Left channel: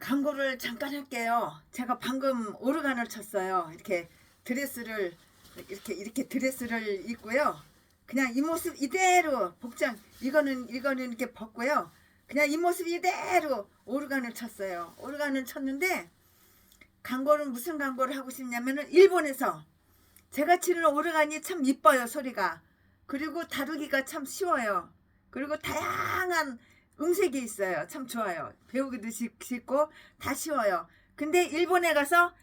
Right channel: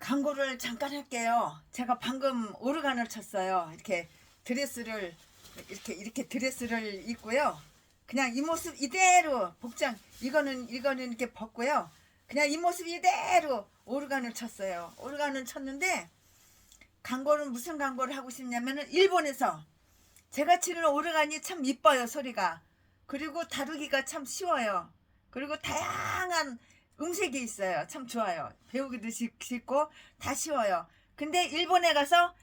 광고를 잠깐 할게요. 제가 방금 오르간을 쳤어요. 이렇게 드레스를 입고요. 그냥 이 모습 이대로 복장 이거는 이렇게 벗고요. 그냥 이 모습 이대로 오르간을 쳤어요. 오르간을 쳤는데 광고는 무슨 광고를 하고 싶냐면은 일본에서 제가 치는 오르간이 참 이뻐요, 소리가. 그리고 다루기가 참 쉬워요. 그리고 다양한 음색이 있어요. 참 좋아요. 배우기도 쉽고 다 쉬워요. 근데 일본에 가서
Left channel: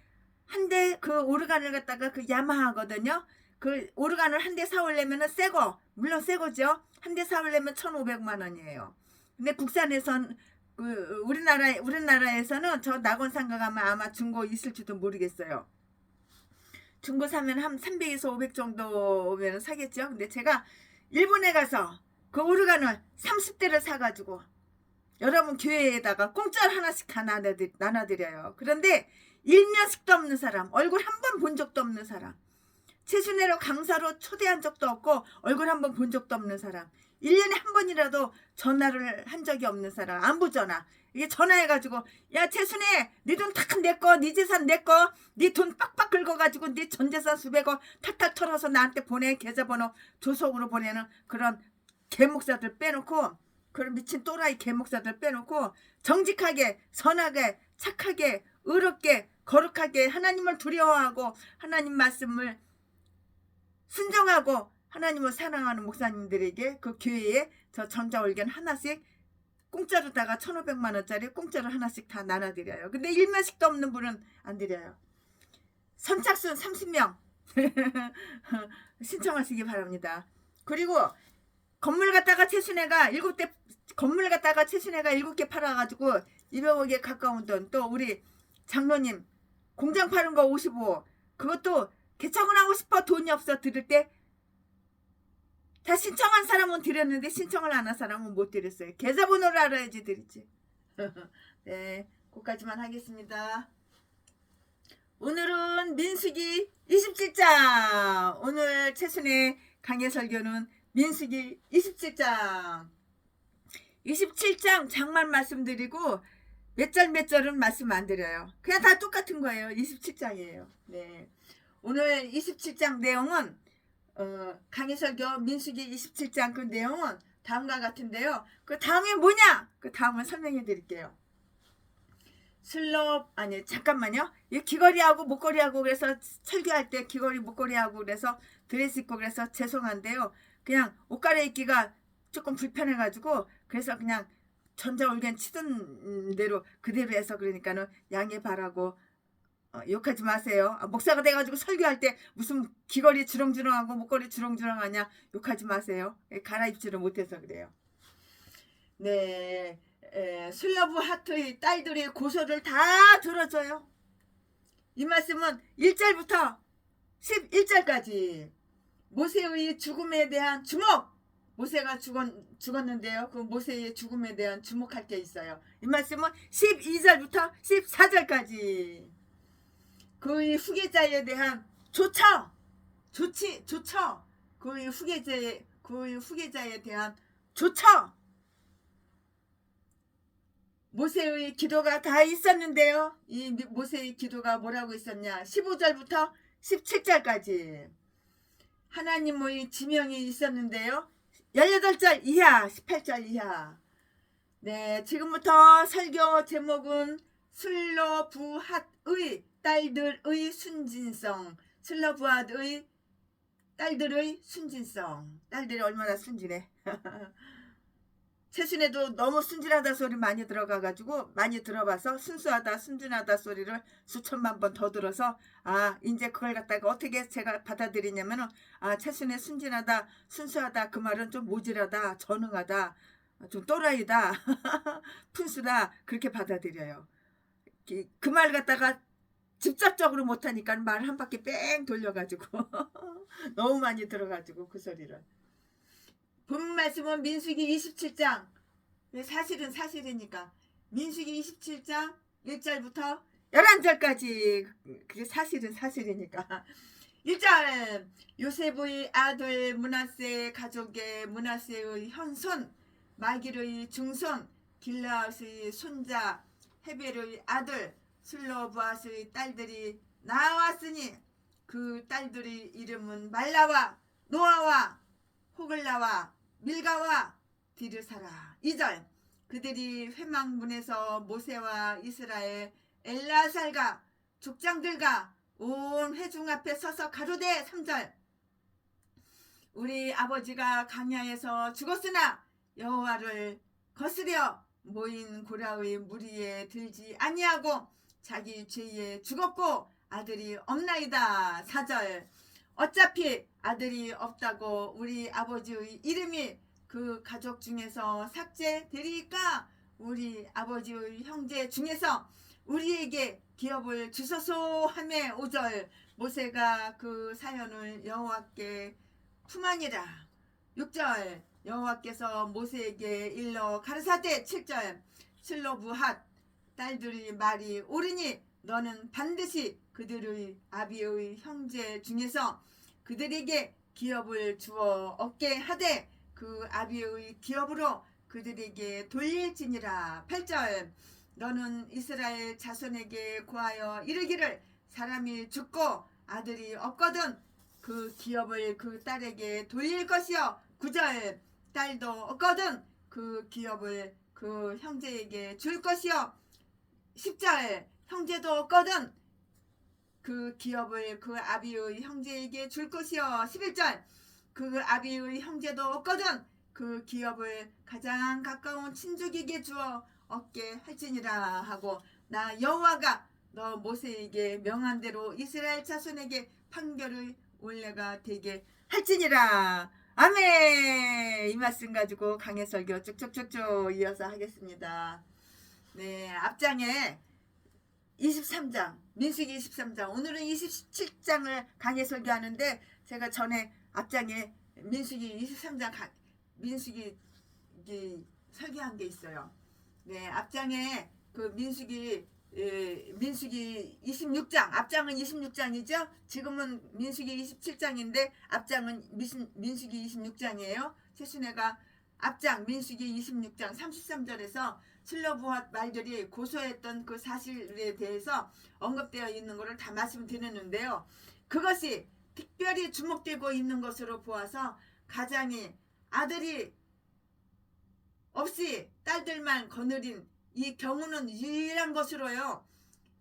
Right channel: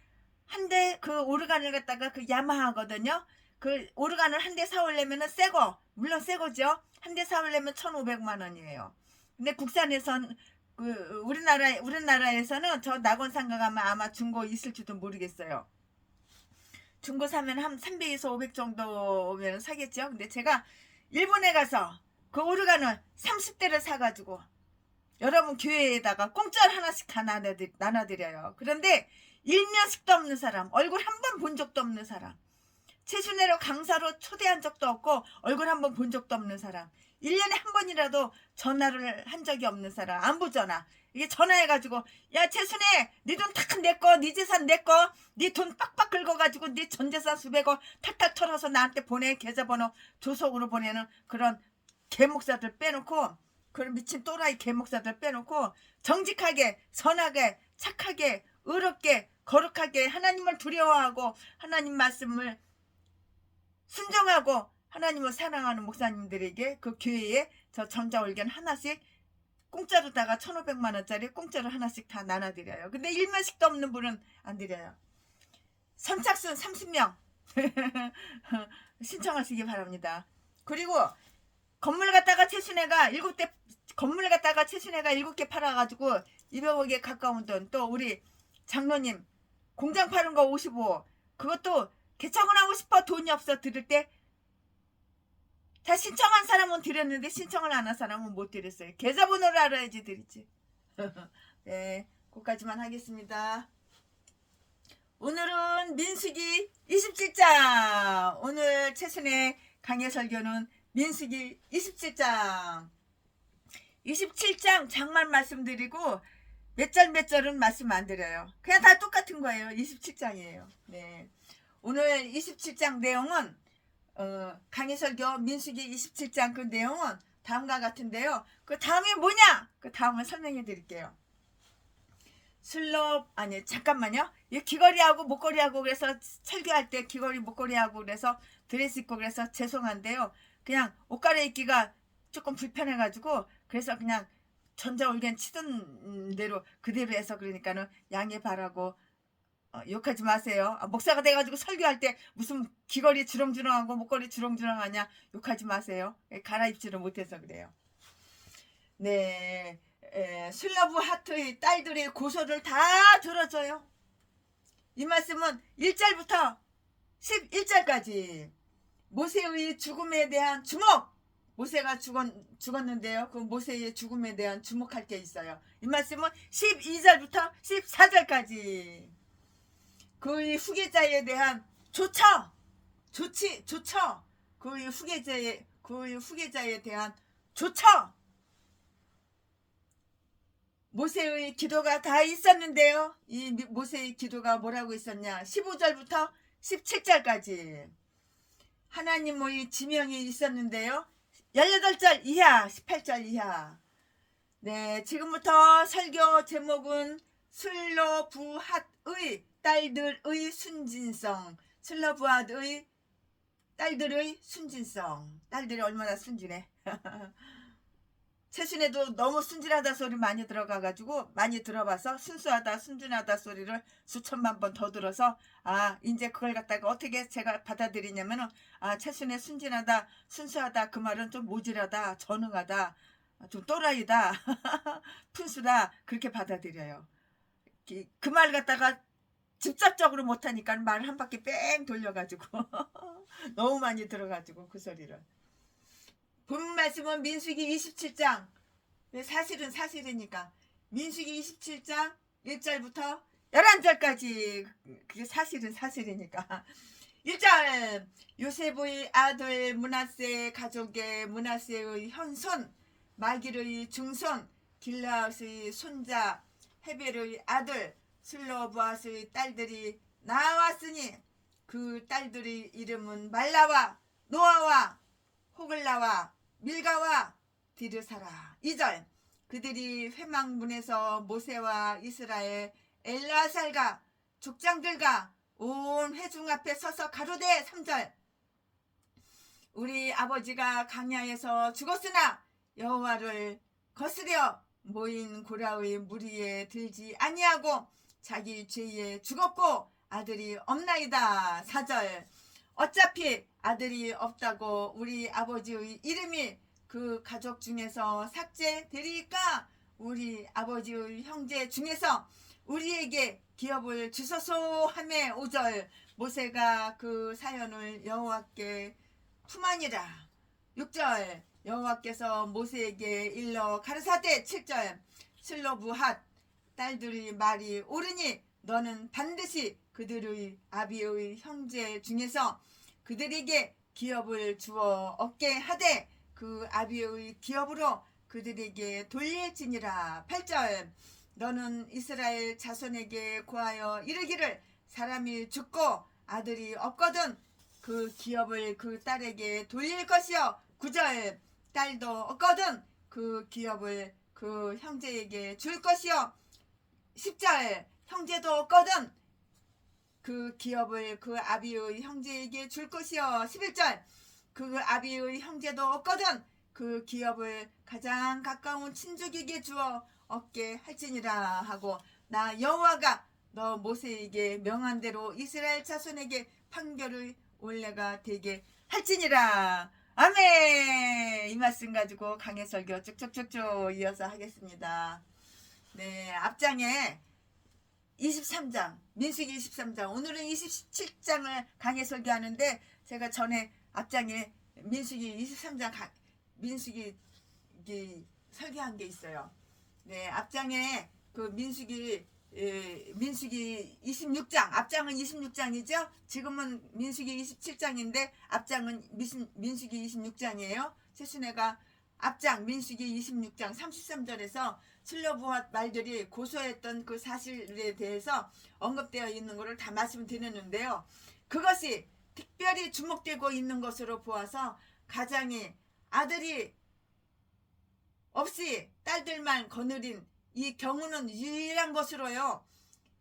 한 대 그 오르간을 갖다가 그 야마하거든요. 그 오르간을 한 대 사오려면은 새거, 물론 새거죠. 한 대 사오려면 1,500만 원이에요. 근데 국산에선 그 우리나라에서는 저 낙원상가 가면 아마 중고 있을지도 모르겠어요. 중고 사면 한 300에서 500 정도면 사겠죠. 근데 제가 일본에 가서 그 오르간을 30대를 사가지고 여러분 교회에다가 공짜로 하나씩 다 나눠드려요. 그런데 일면식도 없는 사람, 얼굴 한 번 본 적도 없는 사람, 최순애로 강사로 초대한 적도 없고 얼굴 한 번 본 적도 없는 사람, 1년에 한 번이라도 전화를 한 적이 없는 사람, 안부 전화. 이게 전화해가지고 야 최순애 네 돈 다 내꺼, 네 재산 내꺼, 네 돈 빡빡 긁어가지고 네 전재산 수백억 탈탈 털어서 나한테 보내, 계좌번호 조속으로 보내는 그런 개목사들 빼놓고, 그런 미친 또라이 개목사들 빼놓고 정직하게 선하게 착하게 의롭게 거룩하게 하나님을 두려워하고 하나님 말씀을 순종하고 하나님을 사랑하는 목사님들에게 그 교회에 저 전자올견 하나씩 공짜로다가 1,500만 원짜리 공짜로 하나씩 다 나눠드려요. 근데 일면식도 없는 분은 안 드려요. 선착순 30명 신청하시기 바랍니다. 그리고 건물 갖다가 최순애가 7개 팔아가지고 200억에 가까운 돈, 또 우리 장로님 공장 파는 거 55, 그것도 개척을 하고 싶어 돈이 없어 드릴 때 다 신청한 사람은 드렸는데 신청을 안 한 사람은 못 드렸어요. 계좌번호를 알아야지 드리지. 네, 그까지만 하겠습니다. 오늘은 민수기 27장. 오늘 최순애 강의 설교는 민수기 27장. 27장 장만 말씀드리고 몇 절은 말씀 안 드려요. 그냥 다 똑같은 거예요. 27장이에요. 네. 오늘 27장 내용은 강의 설교 민수기 27장 그 내용은 다음과 같은데요. 그 다음에 뭐냐? 그 다음을 설명해 드릴게요. 잠깐만요. 이 귀걸이하고 목걸이하고 그래서 설교할 때 귀걸이 목걸이하고 그래서 드레스 입고 그래서 죄송한데요. 그냥 옷 갈아입기가 조금 불편해가지고 그래서 그냥 전자올겐 치던 대로 그대로 해서 그러니까는 양해 바라고 욕하지 마세요. 목사가 돼가지고 설교할 때 무슨 귀걸이 주렁주렁하고 목걸이 주렁주렁하냐 욕하지 마세요. 갈아입지를 못해서 그래요. 네, 슬러브 하트의 딸들의 고소를 다 들어줘요. 이 말씀은 1절부터 11절까지 모세의 죽음에 대한 주목. 모세가 죽었는데요. 그 모세의 죽음에 대한 주목할 게 있어요. 이 말씀은 12절부터 14절까지 그의 후계자에 대한 조처. 그의 후계자에 대한 조처. 모세의 기도가 다 있었는데요. 이 모세의 기도가 뭐라고 있었냐? 15절부터 17절까지 하나님의 지명이 있었는데요. 18절 이하, 18절 이하. 네, 지금부터 설교 제목은 슬로브핫의 딸들의 순진성. 슬로브핫의 딸들의 순진성. 딸들이 얼마나 순진해. 최순애도 너무 순진하다 소리 많이 들어봐서 순수하다 순진하다 소리를 수천만 번 더 들어서 이제 그걸 갖다가 어떻게 제가 받아들이냐면은 최순애 순진하다 순수하다 그 말은 좀 모질하다 전응하다 좀 또라이다 푼수다 그렇게 받아들여요. 그 말 갖다가 직접적으로 못하니까 말을 한 바퀴 뺑 돌려가지고 너무 많이 들어가지고 그 소리를. 본 말씀은 민수기 27장. 사실은 사실이니까. 민수기 27장 1절부터 11절까지. 그게 사실은 사실이니까. 1절. 요셉의 아들 므낫세 가족의 므낫세의 현손, 마길의 중손, 길라앗의 손자 헤벨의 아들 슬로브앗의 딸들이 나왔으니 그 딸들의 이름은 말라와 노아와 호글라와 밀가와 디르사라. 2절 그들이 회막문에서 모세와 이스라엘 엘라살과 족장들과 온 회중 앞에 서서 가로되. 3절 우리 아버지가 광야에서 죽었으나 여호와를 거스려 모인 고라의 무리에 들지 아니하고 자기 죄에 죽었고 아들이 없나이다. 4절 어차피 아들이 없다고 우리 아버지의 이름이 그 가족 중에서 삭제되리까 우리 아버지의 형제 중에서 우리에게 기업을 주소서 하매. 5절 모세가 그 사연을 여호와께 품하니라. 6절 여호와께서 모세에게 일러 가르사대. 7절 슬로브핫 딸들의 말이 옳으니 너는 반드시 그들의 아비의 형제 중에서 그들에게 기업을 주어 얻게 하되 그 아비의 기업으로 그들에게 돌릴지니라. 8절 너는 이스라엘 자손에게 고하여 이르기를 사람이 죽고 아들이 없거든 그 기업을 그 딸에게 돌릴 것이요. 9절 딸도 없거든 그 기업을 그 형제에게 줄 것이요. 10절 형제도 없거든 그 기업을 그 아비의 형제에게 줄 것이요. 11절 그 아비의 형제도 없거든 그 기업을 가장 가까운 친족에게 주어 얻게 할지니라 하고 나 여호와가 너 모세에게 명한 대로 이스라엘 자손에게 판결의 올레가 되게 할지니라. 아멘. 이 말씀 가지고 강해 설교 쭉쭉쭉쭉 이어서 하겠습니다. 네, 앞장에 23장 민수기 23장 오늘은 27장을 강해 설교하는데 제가 전에 앞장에 민수기 23장 민수기 설교한 게 있어요. 네, 앞장에 그 민수기 26장 앞장은 26장이죠. 지금은 민수기 27장인데 앞장은 민수기 26장이에요. 최순애가 앞장 민수기 26장 33절에서 슬로브핫 말들이 고소했던 그 사실에 대해서 언급되어 있는 것을 다 말씀드렸는데요. 그것이 특별히 주목되고 있는 것으로 보아서 가장이 아들이 없이 딸들만 거느린 이 경우는 유일한 것으로요.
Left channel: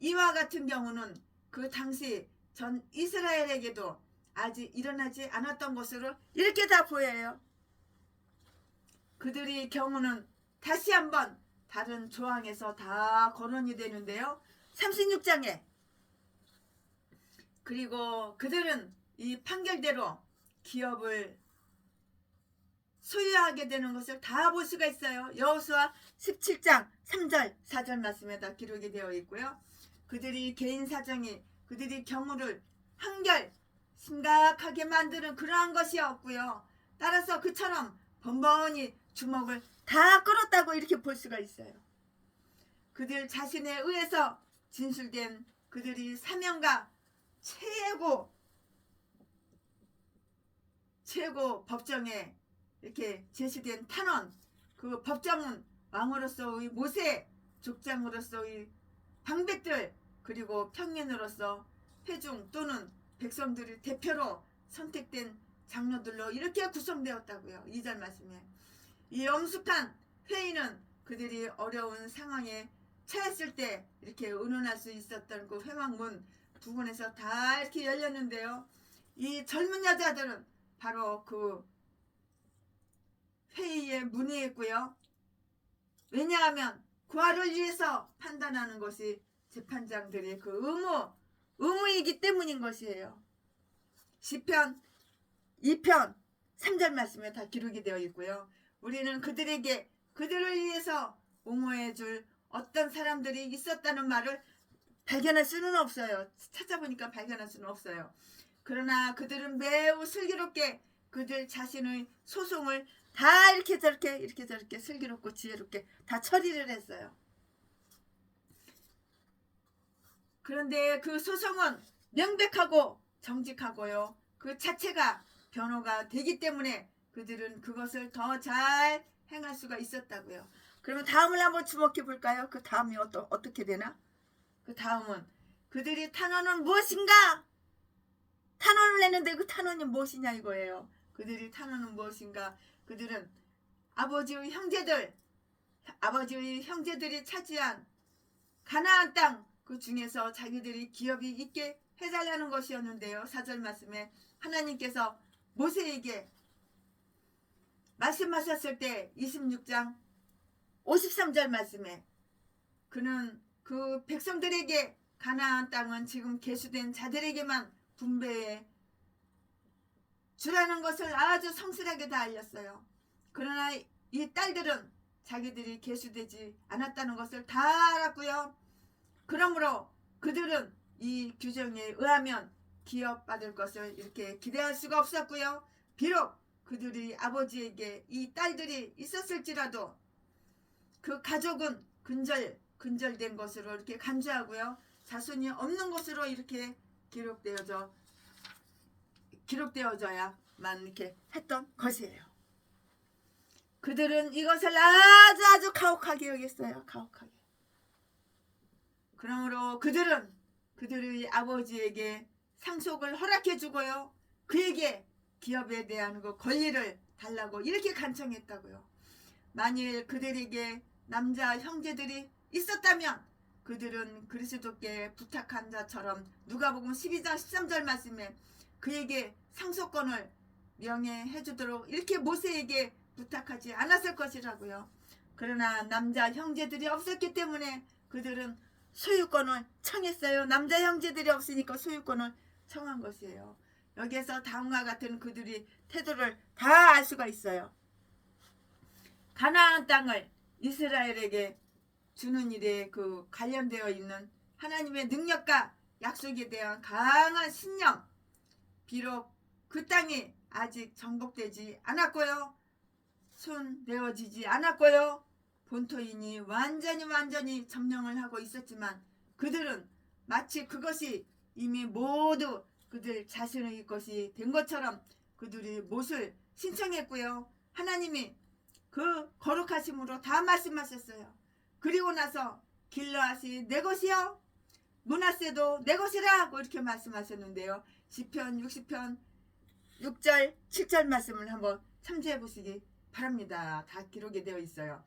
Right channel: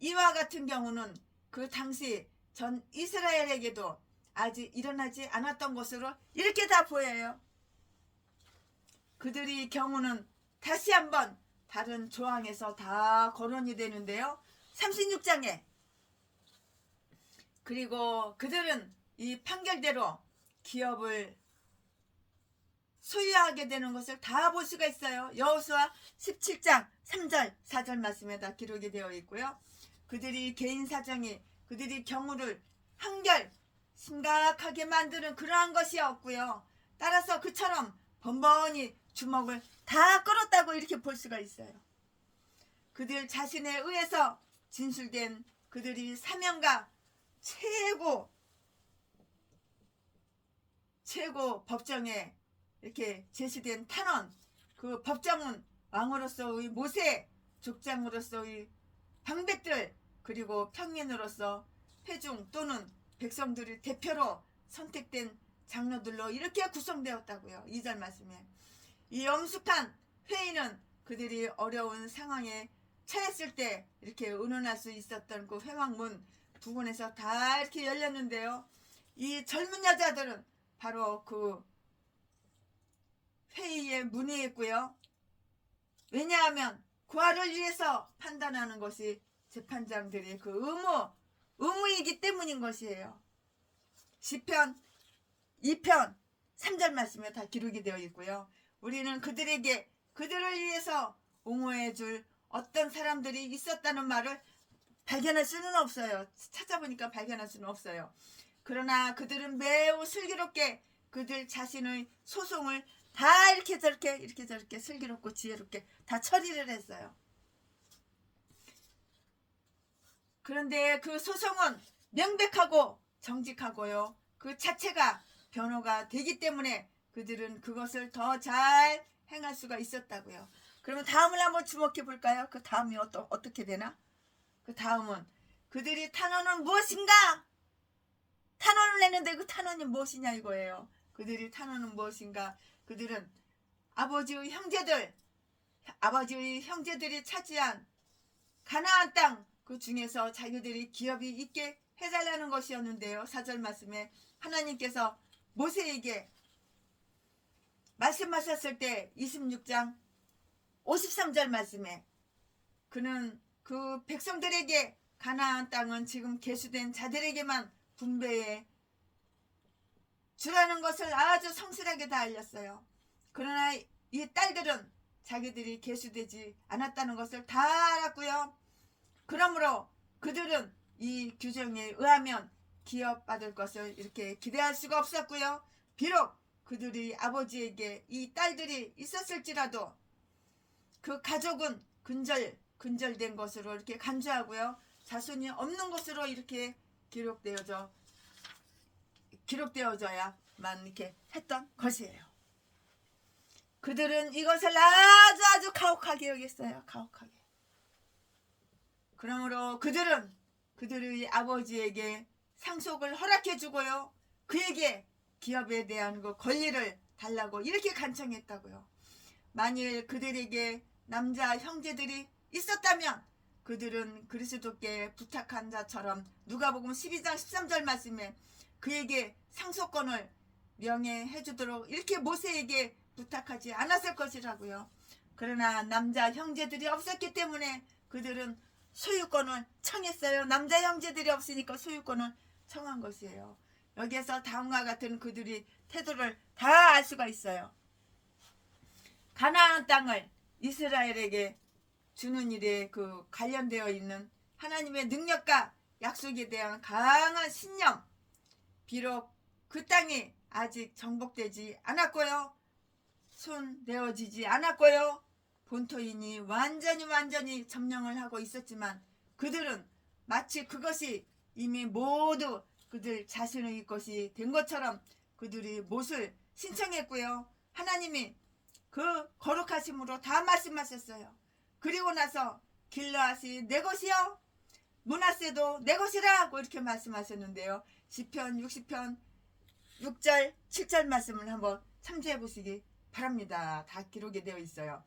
이와 같은 경우는 그 당시 전 이스라엘에게도 아직 일어나지 않았던 것으로 이렇게 다 보여요. 그들의 경우는 다시 한번 다른 조항에서 다 거론이 되는데요. 36장에 그리고 그들은 이 판결대로 기업을 소유하게 되는 것을 다 볼 수가 있어요. 여호수아 17장 3절 4절 말씀에 다 기록이 되어 있고요. 그들이 개인 사정이 그들이 경우를 한결 심각하게 만드는 그러한 것이 없고요. 따라서 그처럼 번번이 주먹을 다 끌었다고 이렇게 볼 수가 있어요. 그들 자신에 의해서 진술된 그들이 사명과 최고 법정에 이렇게 제시된 탄원, 그 법정은 왕으로서의 모세, 족장으로서의 방백들, 그리고 평민으로서 회중 또는 백성들의 대표로 선택된 장로들로 이렇게 구성되었다고요. 2절 말씀에. 이 엄숙한 회의는 그들이 어려운 상황에 처했을 때 이렇게 의논할 수 있었던 그 회막문 부근에서 다 이렇게 열렸는데요. 이 젊은 여자들은 바로 그 회의에 문의했고요. 왜냐하면 구하를 위해서 판단하는 것이 재판장들의 그 의무이기 때문인 것이에요. 시편 2편 3절 말씀에 다 기록이 되어 있고요. 우리는 그들에게 그들을 위해서 옹호해 줄 어떤 사람들이 있었다는 말을 발견할 수는 없어요. 찾아보니까 발견할 수는 없어요. 그러나 그들은 매우 슬기롭게 그들 자신의 소송을 다 이렇게 저렇게 슬기롭고 지혜롭게 다 처리를 했어요. 그런데 그 소송은 명백하고 정직하고요. 그 자체가 변호가 되기 때문에 그들은 그것을 더 잘 행할 수가 있었다고요. 그러면 다음을 한번 주목해 볼까요? 그 다음이 어떻게 되나? 그 다음은 그들이 탄원은 무엇인가? 탄원을 내는데 그 탄원이 무엇이냐 이거예요. 그들이 탄원은 무엇인가? 그들은 아버지의 형제들이 차지한 가나안 땅 그 중에서 자기들이 기업이 있게 해달라는 것이었는데요. 4절 말씀에 하나님께서 모세에게 말씀하셨을 때 26장 53절 말씀에 그는 그 백성들에게 가나안 땅은 지금 계수된 자들에게만 분배해 주라는 것을 아주 성실하게 다 알렸어요. 그러나 이 딸들은 자기들이 계수되지 않았다는 것을 다 알았고요. 그러므로 그들은 이 규정에 의하면 기업받을 것을 이렇게 기대할 수가 없었고요. 비록 그들이 아버지에게 이 딸들이 있었을지라도 그 가족은 근절된 것으로 이렇게 간주하고요. 자손이 없는 것으로 이렇게 기록되어져야만 이렇게 했던 것이에요. 그들은 이것을 아주 가혹하게 여겼어요. 가혹하게. 그러므로 그들은 그들의 아버지에게 상속을 허락해 주고요. 그에게 기업에 대한 그 권리를 달라고 이렇게 간청했다고요. 만일 그들에게 남자 형제들이 있었다면 그들은 그리스도께 부탁한 자처럼 누가복음 12장 13절 말씀에 그에게 상속권을 명예해 주도록 이렇게 모세에게 부탁하지 않았을 것이라고요. 그러나 남자 형제들이 없었기 때문에 그들은 소유권을 청했어요. 남자 형제들이 없으니까 소유권을 청한 것이에요. 여기에서 다음과 같은 그들이 태도를 다 알 수가 있어요. 가나안 땅을 이스라엘에게 주는 일에 그 관련되어 있는 하나님의 능력과 약속에 대한 강한 신념, 비록 그 땅이 아직 정복되지 않았고요. 손 내어지지 않았고요. 본토인이 완전히 점령을 하고 있었지만 그들은 마치 그것이 이미 모두 그들 자신의 것이 된 것처럼 그들이 못을 신청했고요. 하나님이 그 거룩하심으로 다 말씀하셨어요. 그리고 나서 길르앗이 내 것이요 므낫세도 내 것이라고 이렇게 말씀하셨는데요. 시편 60편 6절 7절 말씀을 한번 참조해 보시기 바랍니다. 다 기록이 되어 있어요.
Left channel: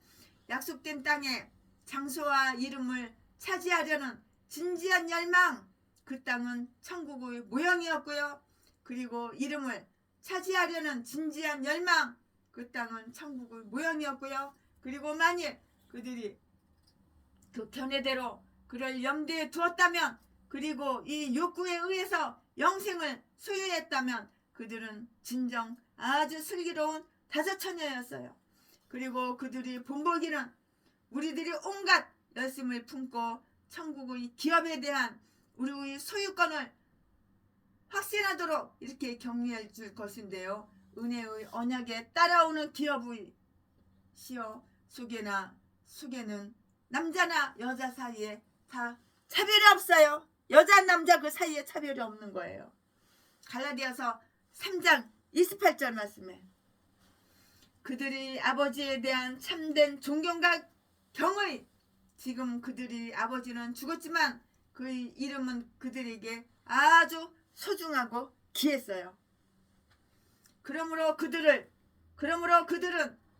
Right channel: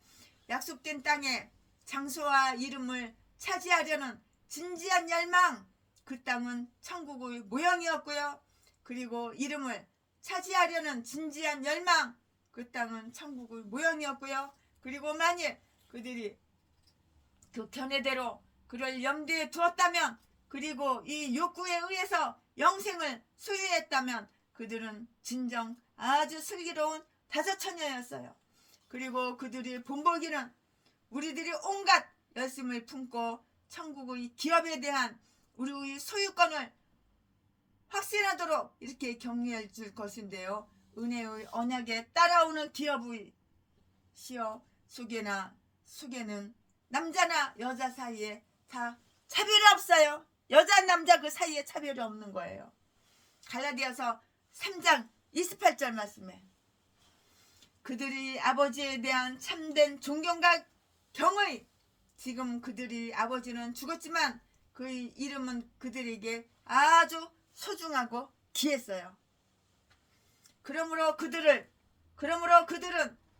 약속된 땅에 장소와 이름을 차지하려는 진지한 열망, 그 땅은 천국의 모형이었고요. 그리고 이름을 차지하려는 진지한 열망, 그 땅은 천국의 모형이었고요. 그리고 만일 그들이 그 견해대로 그를 염두에 두었다면, 그리고 이 욕구에 의해서 영생을 소유했다면 그들은 진정 아주 슬기로운 다섯처녀였어요. 그리고 그들이 본보기는 우리들이 온갖 열심을 품고 천국의 기업에 대한 우리의 소유권을 확신하도록 이렇게 격려해 줄 것인데요. 은혜의 언약에 따라오는 기업의 시어 수계는 남자나 여자 사이에 다 차별이 없어요. 여자 남자 그 사이에 차별이 없는 거예요. 갈라디아서 3장 28절 말씀에 그들이 아버지에 대한 참된 존경과 경의, 지금 그들이 아버지는 죽었지만 그의 이름은 그들에게 아주 소중하고 귀했어요. 그러므로 그들은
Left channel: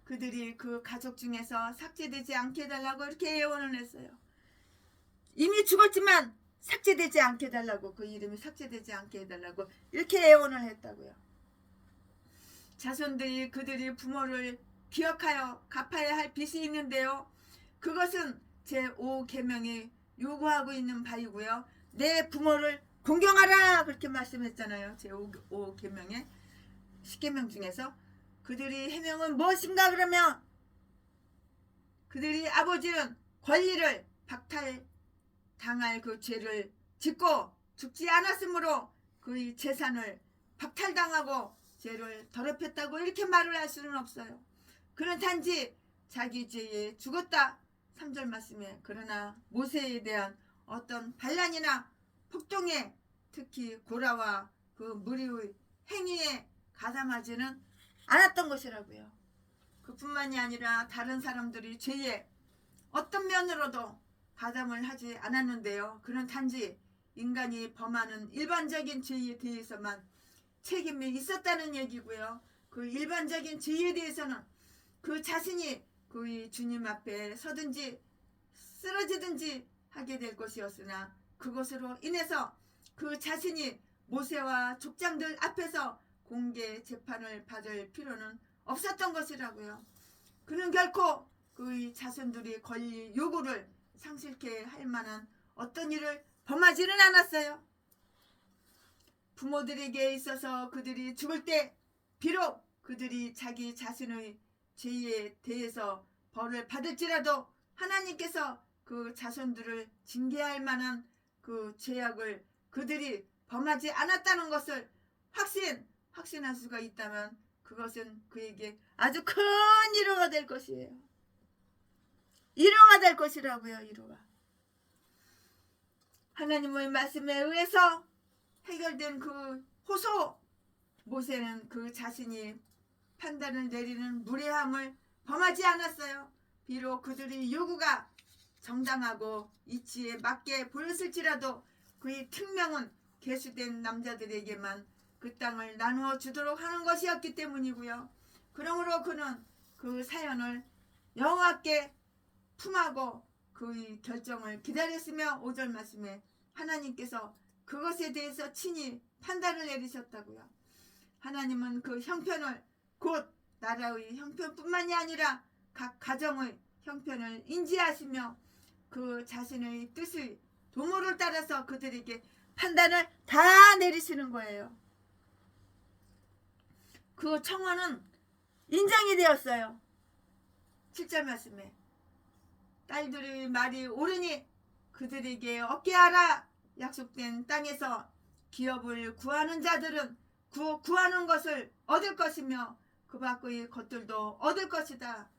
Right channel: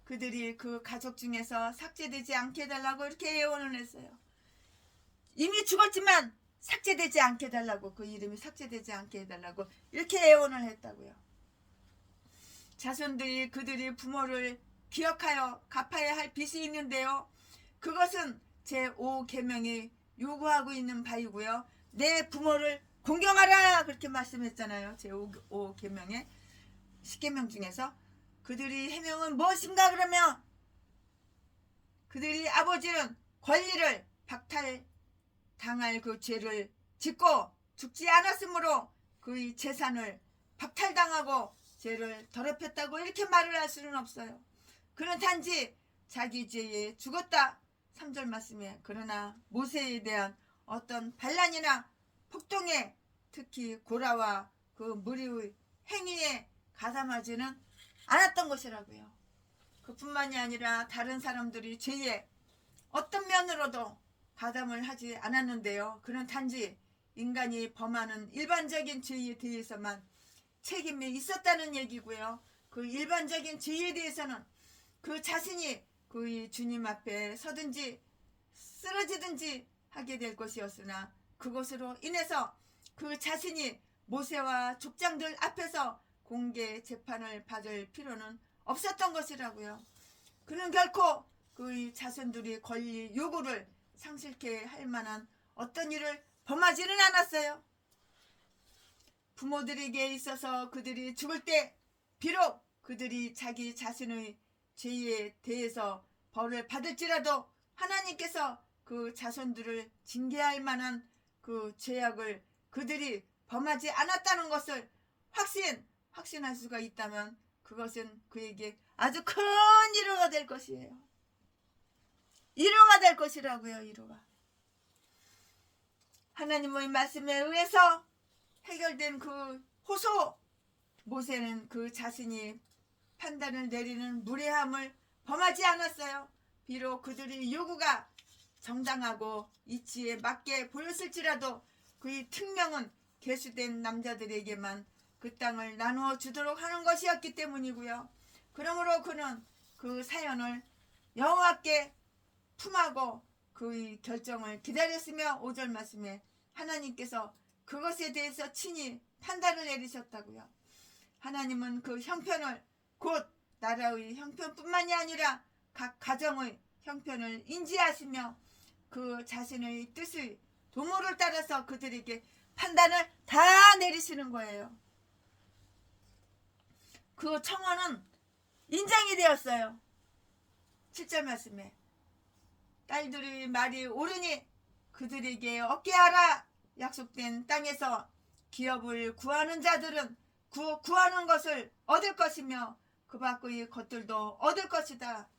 그들이 그 가족 중에서 삭제되지 않게 해달라고 이렇게 예언을 했어요. 이미 죽었지만 삭제되지 않게 해달라고, 그 이름이 삭제되지 않게 해달라고 이렇게 예언을 했다고요. 자손들이 그들이 부모를 기억하여 갚아야 할 빚이 있는데요. 그것은 제5계명이 요구하고 있는 바이고요. 내 부모를 공경하라 그렇게 말씀했잖아요. 제5계명의 10계명 중에서 그들이 해명은 무엇인가 그러면 그들이 아버지는 권리를 박탈당할 그 죄를 짓고 죽지 않았으므로 그의 재산을 박탈당하고 죄를 더럽혔다고 이렇게 말을 할 수는 없어요. 그는 단지 자기 죄에 죽었다 3절 말씀에, 그러나 모세에 대한 어떤 반란이나 폭동에, 특히 고라와 그 무리의 행위에 가담하지는 않았던 것이라고요. 그뿐만이 아니라 다른 사람들이 죄에 어떤 면으로도 가담을 하지 않았는데요. 그는 단지 인간이 범하는 일반적인 죄에 대해서만 책임이 있었다는 얘기고요. 그 일반적인 죄에 대해서는 그 자신이 그 주님 앞에 서든지 쓰러지든지 하게 될 것이었으나 그것으로 인해서 그 자신이 모세와 족장들 앞에서 공개 재판을 받을 필요는 없었던 것이라고요. 그는 결코 그의 자손들이 권리 요구를 상실케 할 만한 어떤 일을 범하지는 않았어요. 부모들에게 있어서 그들이 죽을 때 비록 그들이 자기 자신의 죄에 대해서 벌을 받을지라도 하나님께서 그 자손들을 징계할 만한 그 죄악을 그들이 범하지 않았다는 것을 확신할 수가 있다면 그것은 그에게 아주 큰 위로가 될 것이에요. 위로가 될 것이라고요. 위로가. 하나님의 말씀에 의해서 해결된 그 호소, 모세는 그 자신이 판단을 내리는 무례함을 범하지 않았어요. 비록 그들의 요구가 정당하고 이치에 맞게 보였을지라도 그의 특명은 계수된 남자들에게만 그 땅을 나누어 주도록 하는 것이었기 때문이고요. 그러므로 그는 그 사연을 영하게 품하고 그의 결정을 기다렸으며 5절 말씀에 하나님께서 그것에 대해서 친히 판단을 내리셨다고요. 하나님은 그 형편을 곧 나라의 형편뿐만이 아니라 각 가정의 형편을 인지하시며 그 자신의 뜻의 도모를 따라서 그들에게 판단을 다 내리시는 거예요. 그 청원은 인정이 되었어요. 7절 말씀에 딸들의 말이 옳으니 그들에게 얻게 하라. 약속된 땅에서 기업을 구하는 자들은 구하는 것을 얻을 것이며 그 밖의 것들도 얻을 것이다.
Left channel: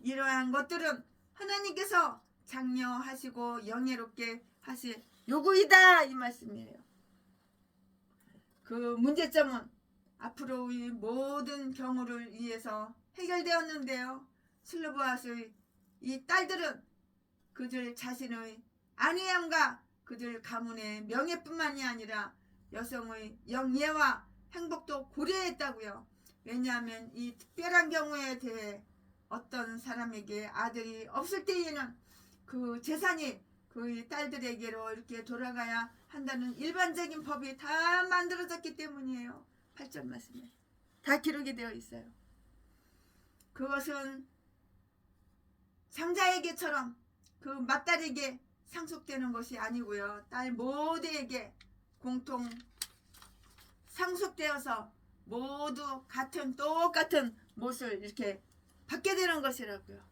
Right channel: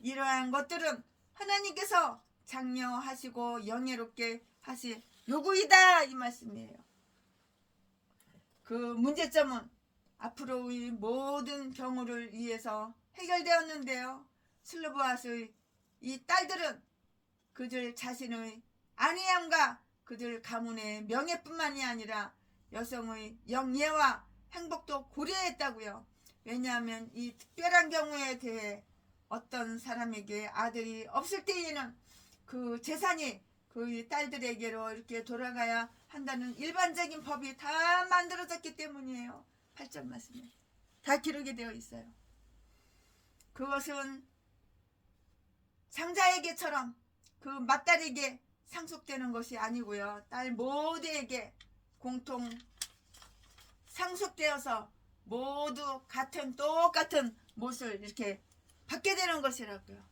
이러한 것들은 하나님께서 장려하시고 영예롭게 하실 요구이다 이 말씀이에요. 그 문제점은 앞으로의 모든 경우를 위해서 해결되었는데요. 슬로보아스의 이 딸들은 그들 자신의 안위함과 그들 가문의 명예뿐만이 아니라 여성의 영예와 행복도 고려했다고요. 왜냐하면 이 특별한 경우에 대해 어떤 사람에게 아들이 없을 때에는 그 재산이 그 딸들에게로 이렇게 돌아가야 한다는 일반적인 법이 다 만들어졌기 때문이에요. 8절 말씀에 다 기록이 되어 있어요. 그것은 상자에게처럼 그 맏딸에게 상속되는 것이 아니고요. 딸 모두에게 공통 상속되어서 모두 똑같은 몫을 이렇게 받게 되는 것이라고요.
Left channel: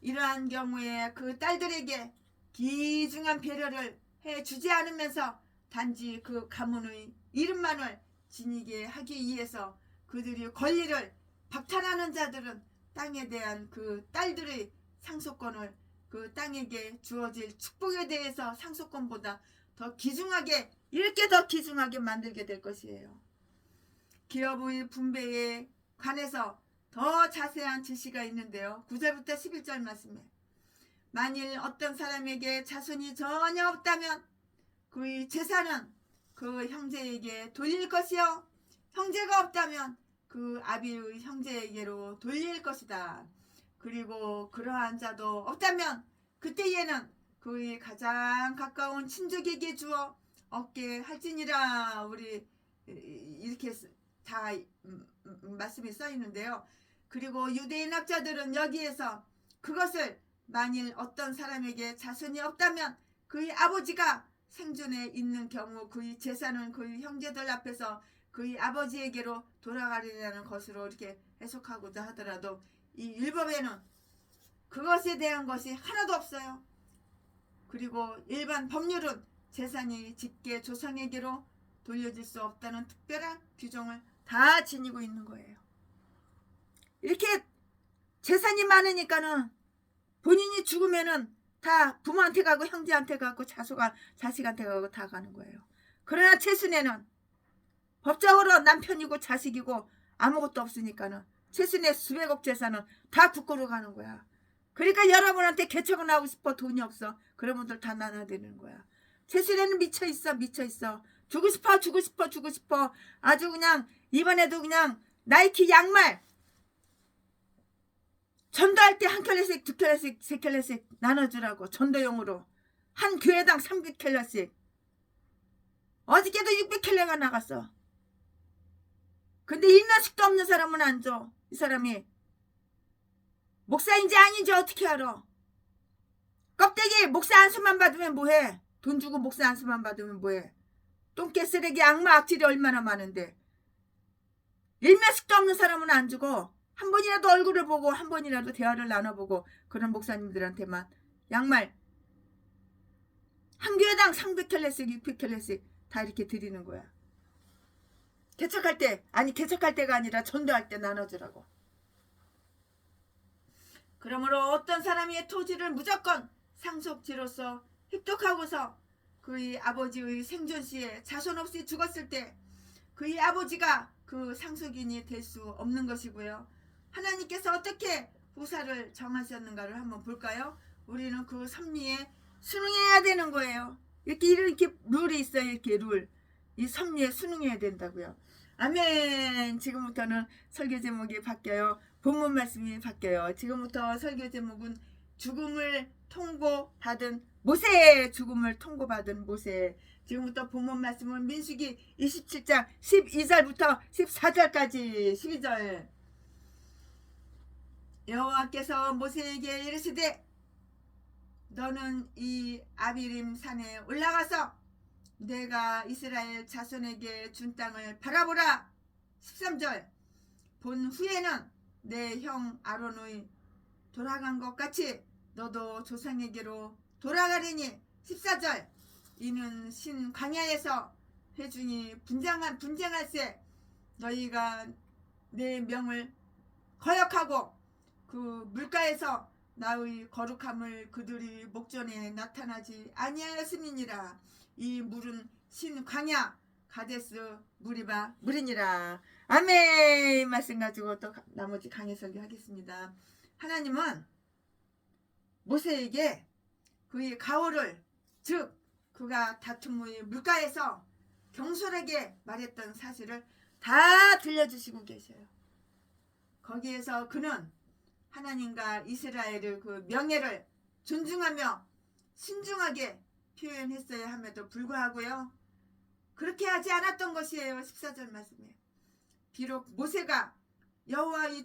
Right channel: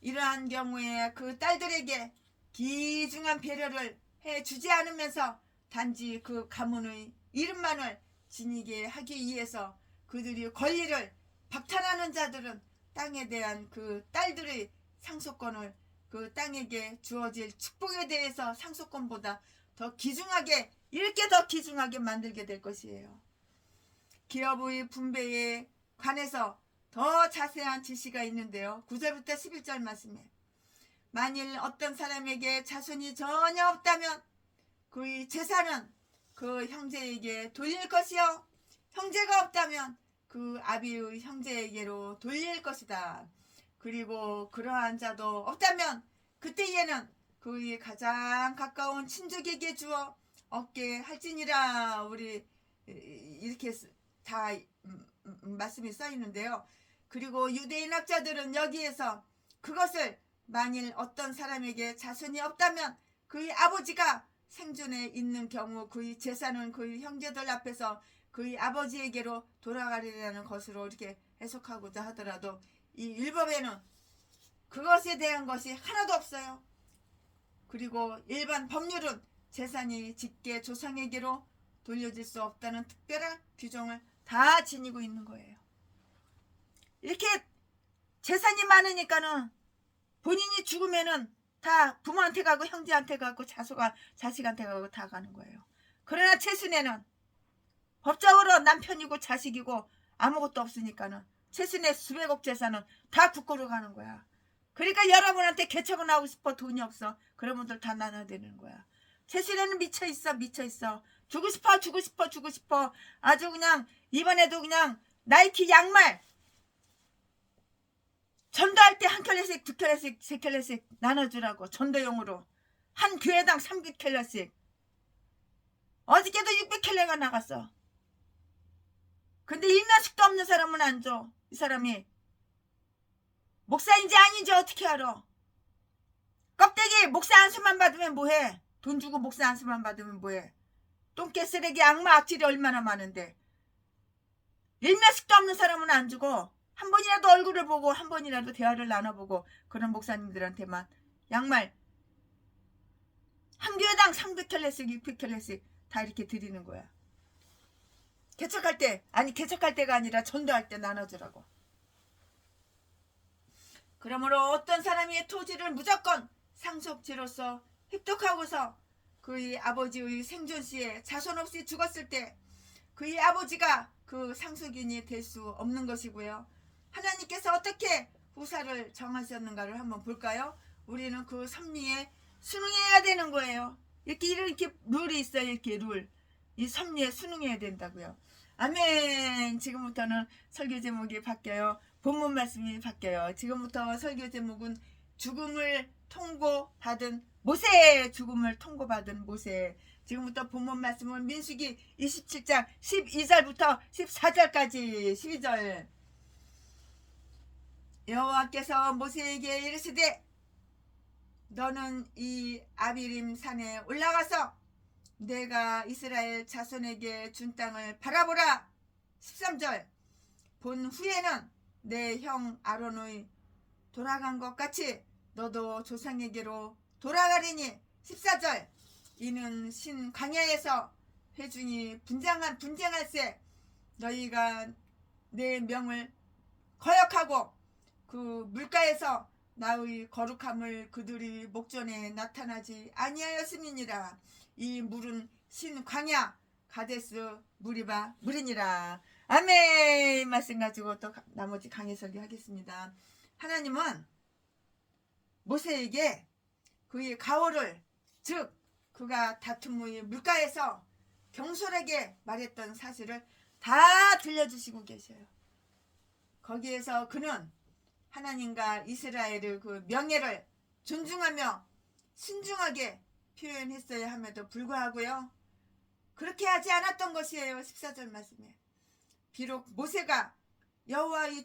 이러한 경우에 그 딸들에게 귀중한 배려를 해주지 않으면서 단지 그 가문의 이름만을 지니게 하기 위해서 그들이 권리를 박탈하는 자들은 땅에 대한 그 딸들의 상속권을 그 땅에게 주어질 축복에 대해서 상속권보다 더 귀중하게 이렇게 더 귀중하게 만들게 될 것이에요. 기업의 분배에 관해서 더 자세한 지시가 있는데요. 9절부터 11절 말씀에 만일 어떤 사람에게 자손이 전혀 없다면 그의 재산은 그 형제에게 돌릴 것이요 형제가 없다면 그 아비의 형제에게로 돌릴 것이다. 그리고 그러한 자도 없다면 그때에는 그의 가장 가까운 친족에게 주어 얻게 할지니라. 우리 이렇게 다 말씀이 써 있는데요. 그리고 유대인 학자들은 여기에서 그것을 만일 어떤 사람에게 자손이 없다면 그의 아버지가 생존에 있는 경우 그의 재산은 그의 형제들 앞에서 그의 아버지에게로 돌아가리라는 것으로 이렇게 해석하고자 하더라도 이 율법에는 그것에 대한 것이 하나도 없어요. 그리고 일반 법률은 재산이 직계 조상에게로 돌려질 수 없다는 특별한 규정을 다 지니고 있는 거예요. 이렇게 재산이 많으니까는 본인이 죽으면은 다 부모한테 가고 형제한테 가고 자식한테 가고 다 가는 거예요. 그러나 최순애는 법적으로 남편이고 자식이고 아무것도 없으니까는 최순의 수백억 재산은 다 국고로 가는 거야. 그러니까 여러분한테 개척은 하고 싶어. 돈이 없어. 그런 분들 다 나눠드리는 거야. 최순애는 미쳐있어. 미쳐있어. 주고 싶어. 주고 싶어. 주고 싶어. 아주 그냥 이번에도 그냥 나이키 양말 전도할 때 한 켤레씩, 두 켤레씩, 세 켤레씩 나눠주라고. 전도용으로. 한 교회당 3켤레씩. 어저께도 600켤레가 나갔어. 근데 일면식도 없는 사람은 안 줘. 이 사람이 목사인지 아닌지 어떻게 알아? 껍데기 목사 안수만 받으면 뭐해? 돈 주고 목사 안수만 받으면 뭐해? 똥개 쓰레기 악마 악질이 얼마나 많은데. 일면식도 없는 사람은 안 주고 한 번이라도 얼굴을 보고 한 번이라도 대화를 나눠보고 그런 목사님들한테만 양말 한 교회당 300켤레씩 600켤레씩 다 이렇게 드리는 거야. 개척할 때, 아니 개척할 때가 아니라 전도할 때 나눠주라고. 그러므로 어떤 사람의 토지를 무조건 상속지로서 획득하고서 그의 아버지의 생존 시에 자손 없이 죽었을 때 그의 아버지가 그 상속인이 될 수 없는 것이고요. 하나님께서 어떻게 후사를 정하셨는가를 한번 볼까요? 우리는 그 섭리에 순응해야 되는 거예요. 이렇게 룰이 있어요. 이렇게 룰. 이 섭리에 순응해야 된다고요. 아멘. 지금부터는 설교 제목이 바뀌어요. 본문 말씀이 바뀌어요. 지금부터 설교 제목은 죽음을 통고받은 모세. 죽음을 통고받은 모세. 지금부터 본문 말씀은 민수기 27장 12절부터 14절까지 12절. 여호와께서 모세에게 이르시되 너는 이 아비림 산에 올라가서 내가 이스라엘 자손에게 준 땅을 바라보라. 13절. 본 후에는 내 형 아론의 돌아간 것 같이 너도 조상에게로 돌아가리니. 14절. 이는 신 광야에서 회중이 분쟁할세 너희가 내 명을 거역하고 그 물가에서 나의 거룩함을 그들이 목전에 나타나지 아니하였음이니라. 이 물은 신 광야 가데스 무리바 물이니라. 아멘. 이 말씀 가지고 또 나머지 강의 설교하겠습니다. 하나님은 모세에게 그의 가호를, 즉 그가 다툼의 물가에서 경솔하게 말했던 사실을 다 들려주시고 계셔요. 거기에서 그는 하나님과 이스라엘의 그 명예를 존중하며 신중하게 표현했어야 함에도 불구하고요. 그렇게 하지 않았던 것이에요. 14절 말씀에. 비록 모세가 여호와의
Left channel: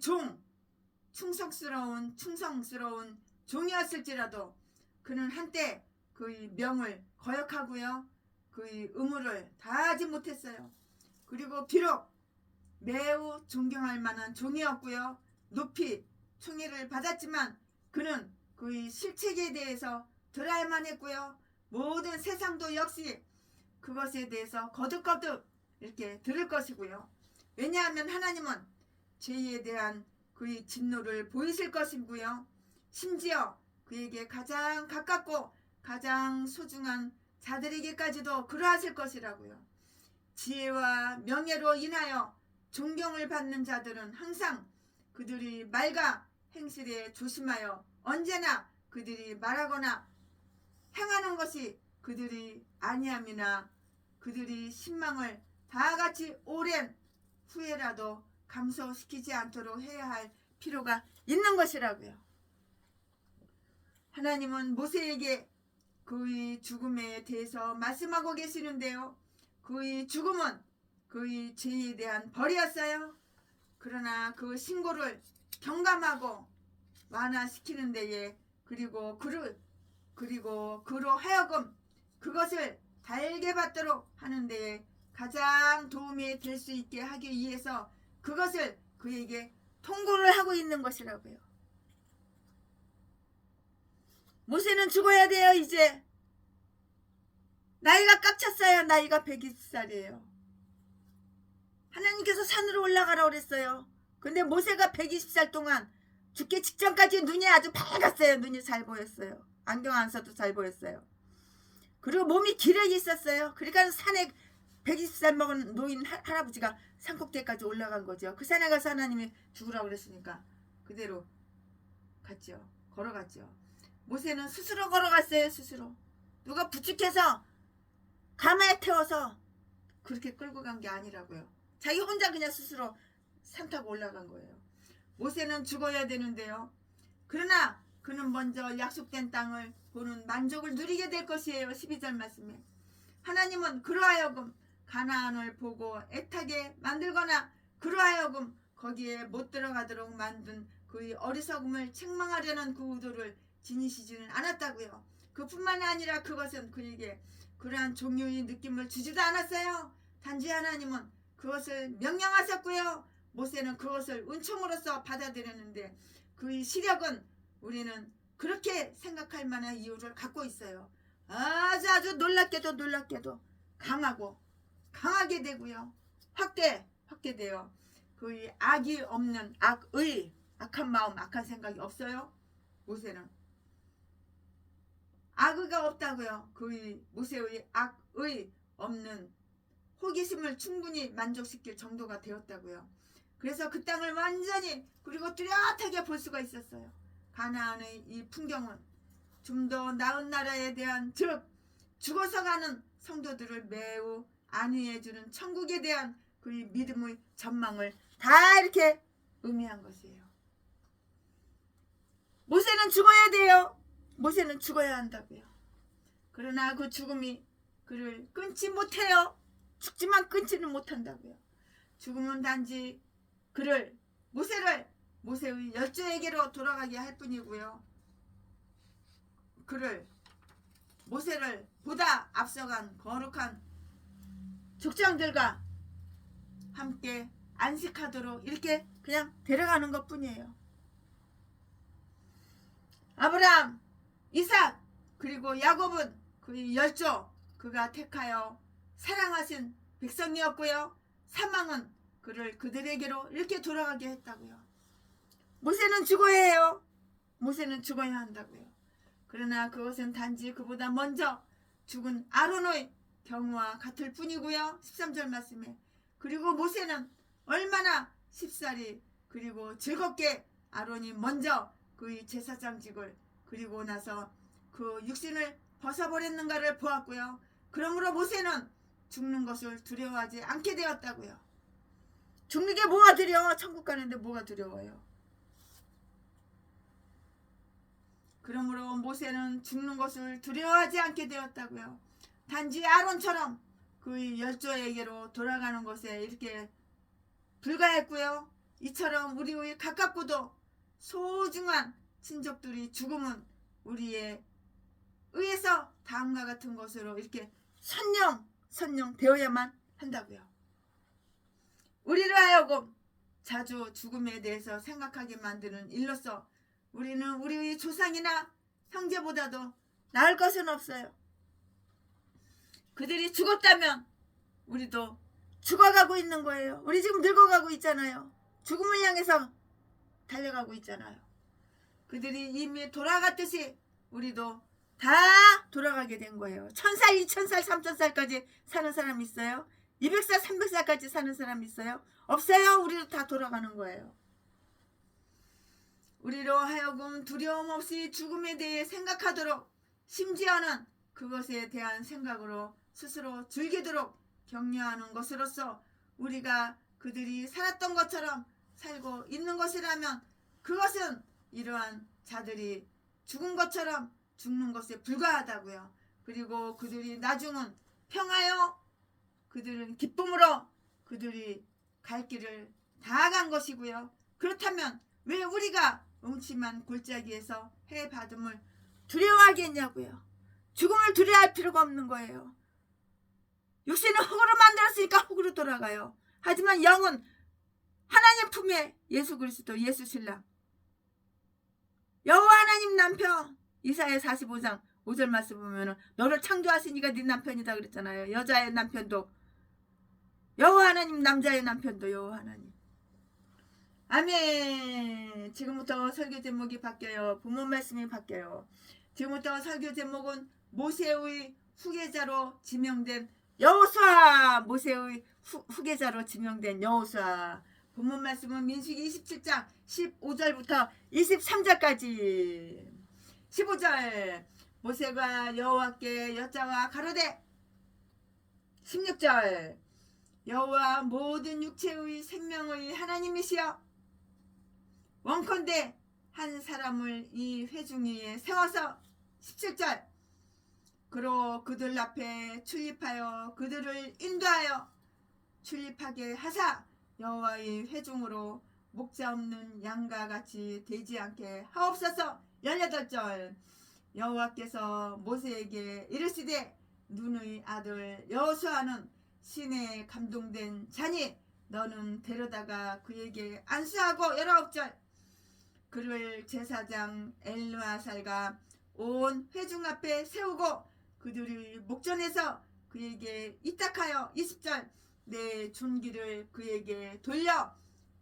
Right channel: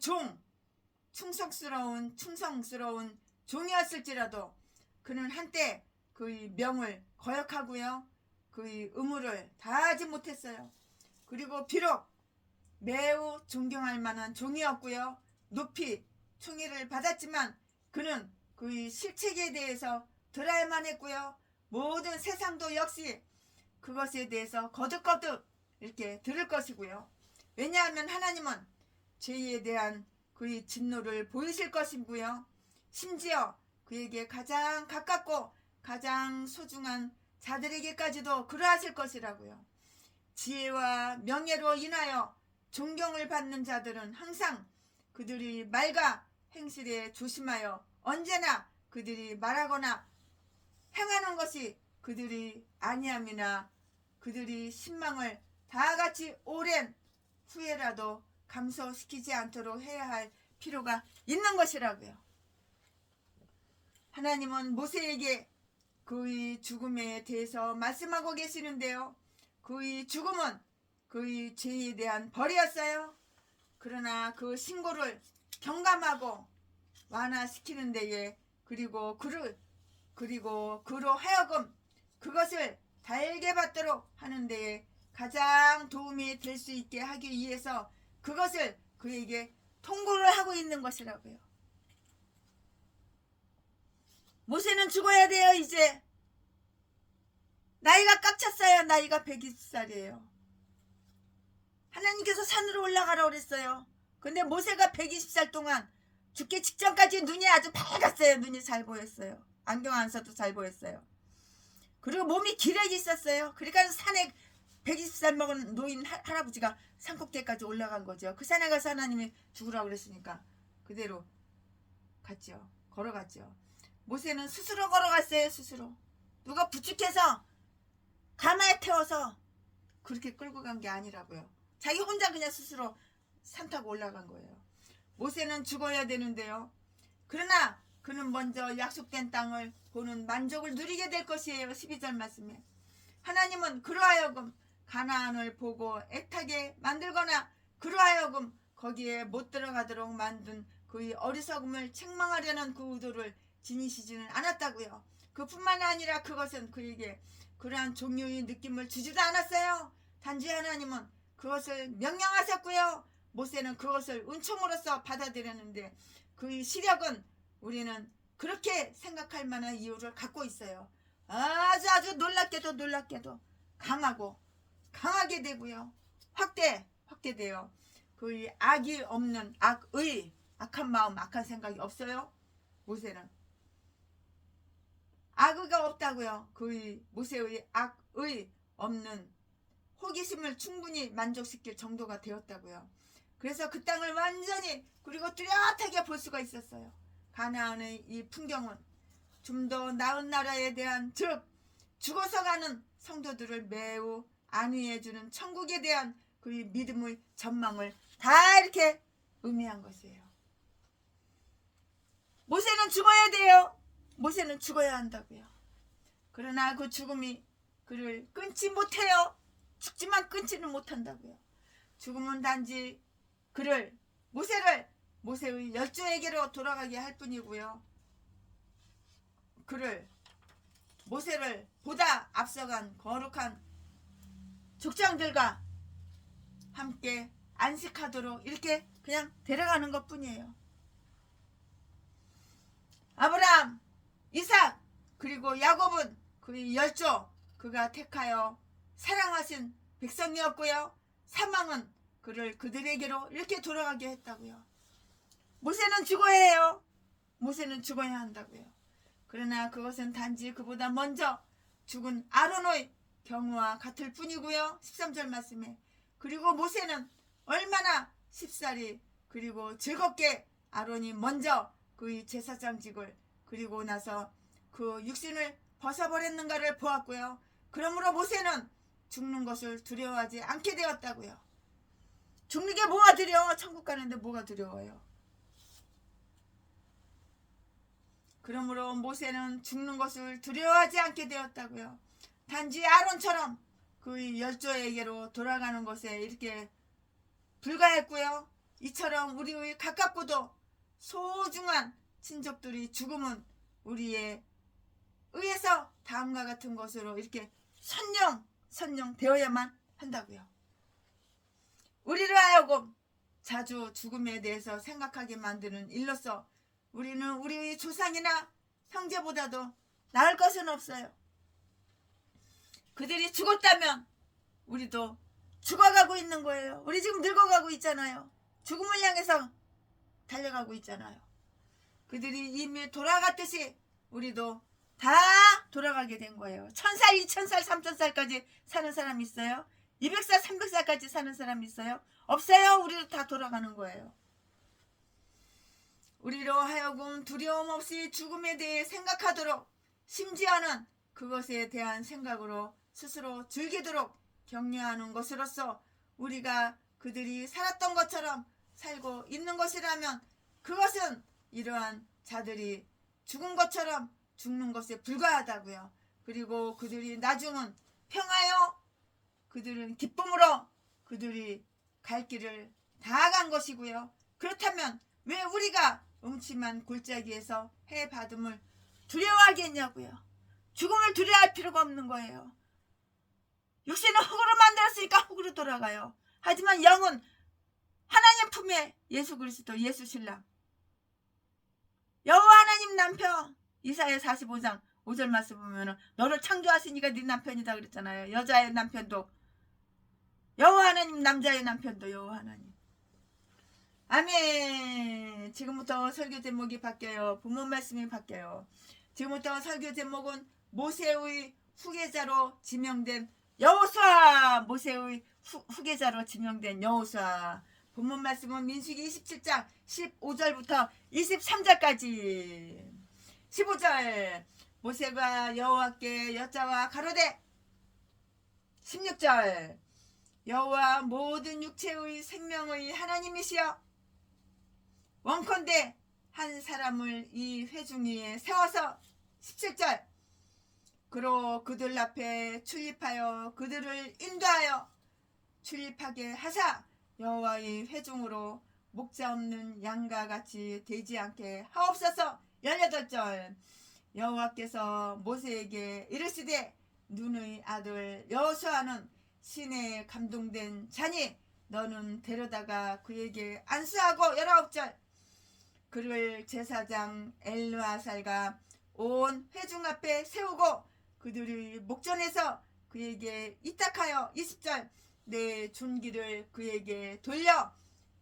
충성스러운 종이었을지라도 그는 한때 그의 명을 거역하고요. 그의 의무를 다하지 못했어요. 그리고 비록 매우 존경할 만한 종이었고요. 높이 총애를 받았지만 그는 그의 실책에 대해서 들어야만 했고요. 모든 세상도 역시 그것에 대해서 거듭거듭 이렇게 들을 것이고요. 왜냐하면 하나님은 죄에 대한 그의 진노를 보이실 것이고요. 심지어 그에게 가장 가깝고 가장 소중한 자들에게까지도 그러하실 것이라고요. 지혜와 명예로 인하여 존경을 받는 자들은 항상 그들이 말과 행실에 조심하여 언제나 그들이 말하거나 행하는 것이 그들이 아니함이나 그들이 신망을 다같이 오랜 후에라도 감소시키지 않도록 해야 할 필요가 있는 것이라고요. 하나님은 모세에게 그의 죽음에 대해서 말씀하고 계시는데요. 그의 죽음은 그의 죄에 대한 벌이었어요. 그러나 그 신고를 경감하고 완화시키는 데에 그리고 그로 하여금 그것을 달게 받도록 하는 데에 가장 도움이 될 수 있게 하기 위해서 그것을 그에게 통고를 하고 있는 것이라고요. 모세는 죽어야 돼요. 이제 나이가 꽉 찼어요. 나이가 120살이에요. 하나님께서 산으로 올라가라고 그랬어요. 근데 모세가 120살 동안 죽기 직전까지 눈이 아주 밝았어요. 눈이 잘 보였어요. 안경 안 써도 잘 보였어요. 그리고 몸이 기력이 있었어요. 그러니까 산에 120살 먹은 노인 할아버지가 산꼭대기까지 올라간 거죠. 그 산에 가서 하나님이 죽으라고 그랬으니까 그대로 갔죠. 걸어갔죠. 모세는 스스로 걸어갔어요. 스스로. 누가 부축해서 가마에 태워서 그렇게 끌고 간 게 아니라고요. 자기 혼자 그냥 스스로 산 타고 올라간 거예요. 모세는 죽어야 되는데요. 그러나 그는 먼저 약속된 땅을 보는 만족을 누리게 될 것이에요. 12절 말씀에 하나님은 그로 하여금 가나안을 보고 애타게 만들거나 그로 하여금 거기에 못 들어가도록 만든 그의 어리석음을 책망하려는 그 의도를 지니시지는 않았다고요. 그뿐만 아니라 그것은 그에게 그러한 종류의 느낌을 주지도 않았어요. 단지 하나님은 그것을 명령하셨고요. 모세는 그것을 은총으로서 받아들였는데 그의 시력은 우리는 그렇게 생각할 만한 이유를 갖고 있어요. 아주 놀랍게도 강하게 되고요. 확대돼요. 그의 악이 없는 악한 마음, 악한 생각이 없어요. 모세는 악의가 없다고요. 그의 모세의 악의 없는 호기심을 충분히 만족시킬 정도가 되었다고요. 그래서 그 땅을 완전히 그리고 뚜렷하게 볼 수가 있었어요. 가나안의 이 풍경은 좀 더 나은 나라에 대한 즉 죽어서 가는 성도들을 매우 안위해주는 천국에 대한 그의 믿음의 전망을 다 이렇게 의미한 것이에요. 모세는 죽어야 돼요. 모세는 죽어야 한다고요. 그러나 그 죽음이 그를 끊지 못해요. 죽지만 끊지는 못한다고요. 죽음은 단지 그를 모세의 열조에게로 돌아가게 할 뿐이고요. 모세를 보다 앞서간 거룩한 족장들과 함께 안식하도록 이렇게 그냥 데려가는 것 뿐이에요. 아브라함, 이삭 그리고 야곱은 그의 열조 그가 택하여 사랑하신 백성이었고요. 사망은 그를 그들에게로 이렇게 돌아가게 했다고요. 모세는 죽어야 해요. 모세는 죽어야 한다고요. 그러나 그것은 단지 그보다 먼저 죽은 아론의 경우와 같을 뿐이고요. 13절 말씀에 그리고 모세는 얼마나 쉽사리 그리고 즐겁게 아론이 먼저 그의 제사장직을 그리고 나서 그 육신을 벗어버렸는가를 보았고요. 그러므로 모세는 죽는 것을 두려워하지 않게 되었다고요. 죽는 게 뭐가 두려워? 천국 가는데 뭐가 두려워요? 그러므로 모세는 죽는 것을 두려워하지 않게 되었다고요. 단지 아론처럼 그의 열조에게로 돌아가는 것에 이렇게 불과했고요. 이처럼 우리의 가깝고도 소중한 친족들이 죽음은 우리의 의해서 다음과 같은 것으로 이렇게 선령 되어야만 한다고요. 우리를 하여금 자주 죽음에 대해서 생각하게 만드는 일로서 우리는 우리의 조상이나 형제보다도 나을 것은 없어요. 그들이 죽었다면 우리도 죽어가고 있는 거예요. 우리 지금 늙어가고 있잖아요. 죽음을 향해서 달려가고 있잖아요. 그들이 이미 돌아갔듯이 우리도 다 돌아가게 된 거예요. 1000살, 2000살, 3000살까지 사는 사람 있어요? 200살, 300살까지 사는 사람 있어요? 없어요. 우리도 다 돌아가는 거예요. 우리로 하여금 두려움 없이 죽음에 대해 생각하도록 심지어는 그것에 대한 생각으로 스스로 즐기도록 격려하는 것으로서 우리가 그들이 살았던 것처럼 살고 있는 것이라면 그것은 이러한 자들이 죽은 것처럼 죽는 것에 불과하다고요. 그리고 그들이 나중은 평하여 그들은 기쁨으로 그들이 갈 길을 다 간 것이고요. 그렇다면 왜 우리가 음침한 골짜기에서 해받음을 두려워하겠냐고요. 죽음을 두려워할 필요가 없는 거예요. 육신은 흙으로 만들었으니까 흙으로 돌아가요. 하지만 영은 하나님 품에 예수 그리스도 예수 신랑 여호와 하나님 남편 이사야 45장 5절 말씀 보면은 너를 창조하시니까 네 남편이다 그랬잖아요. 여자의 남편도 여호와 하나님, 남자의 남편도 여호와 하나님. 아멘. 지금부터 설교 제목이 바뀌어요. 본문 말씀이 바뀌어요. 지금부터 설교 제목은 모세의 후계자로 지명된 여호수아 모세의 후계자로 지명된 여호수아. 본문 말씀은 민수기 27장 15절부터 23절까지. 15절 모세가 여호와께 여짜와 가로되 16절 여호와 모든 육체의 생명의 하나님이시여 원컨대 한 사람을 이 회중 위에 세워서 17절 그로 그들 앞에 출입하여 그들을 인도하여 출입하게 하사 여호와의 회중으로 목자 없는 양과 같이 되지 않게 하옵소서. 18절 여호와께서 모세에게 이르시되 눈의 아들 여호수아는 신에 감동된 자니 너는 데려다가 그에게 안수하고. 19절 그를 제사장 엘르아살과 온 회중 앞에 세우고 그들의 목전에서 그에게 이탁하여. 20절 내 존귀를 그에게 돌려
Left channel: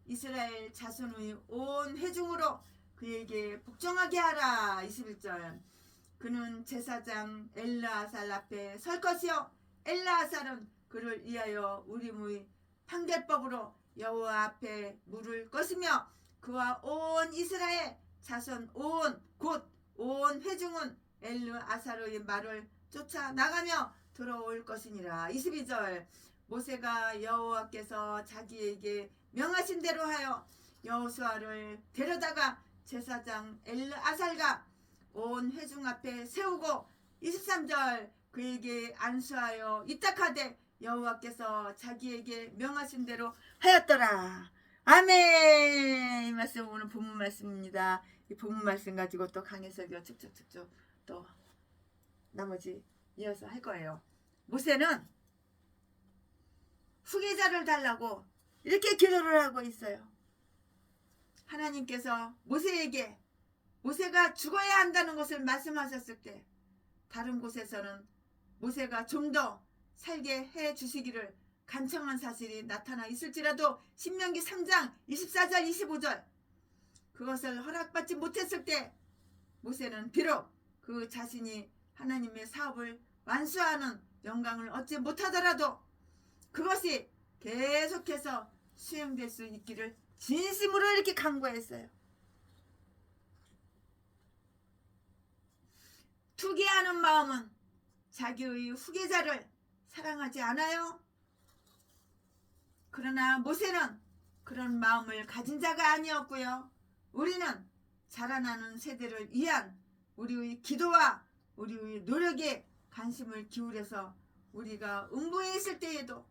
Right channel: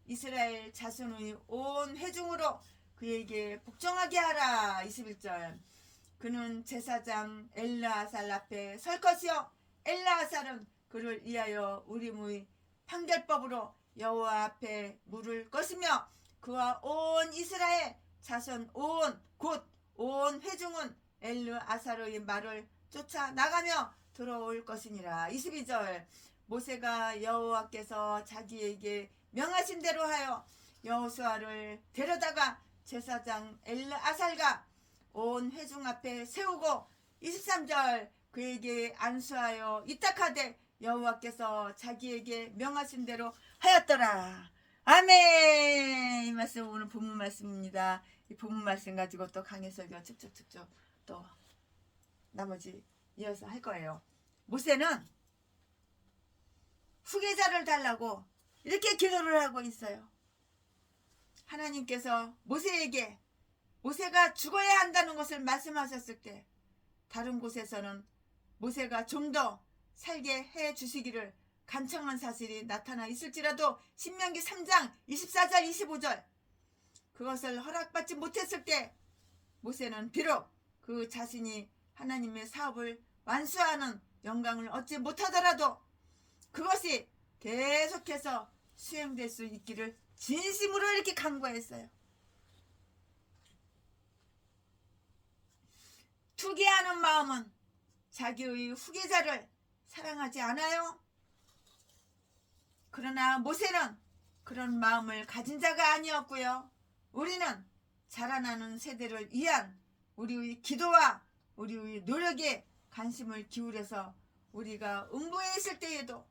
이스라엘 자손의 온 회중으로 그에게 복종하게 하라. 21절 그는 제사장 엘르아살 앞에 설 것이요 엘르아살은 그를 위하여 우림의 판결법으로 여호와 앞에 물을 것이며 그와 온 이스라엘 자손 온 회중은 엘르아살의 말을 쫓아 나가며 들어올 것이니라. 22절 모세가 여호와께서 자기에게 명하신 대로 하여 여호수아를 데려다가 제사장 엘르아살과 온 회중 앞에 세우고. 23절 그에게 안수하여 이탁하되 여호와께서 자기에게 명하신 대로 하였더라. 아멘. 이 말씀 오늘 본문 말씀입니다. 이 본문 말씀 가지고 또 강해석이가 쭉쭉쭉쭉 또 나머지 이어서 할 거예요. 모세는 후계자를 달라고 이렇게 기도를 하고 있어요. 하나님께서 모세에게 모세가 죽어야 한다는 것을 말씀하셨을 때 다른 곳에서는 모세가 좀 더 살게 해 주시기를 간청한 사실이 나타나 있을지라도 신명기 3장 24절 25절 그것을 허락받지 못했을 때 모세는 비록 그 자신이 하나님의 사업을 완수하는 영광을 얻지 못하더라도 그것이 계속해서 수행될 수 있기를 진심으로 이렇게 간구했어요. 투기하는 마음은 자기의 후계자를 사랑하지 않아요. 그러나 모세는 그런 마음을 가진 자가 아니었고요. 우리는 자라나는 세대를 위한 우리의 기도와 우리의 노력에 관심을 기울여서 우리가 음부에 있을 때에도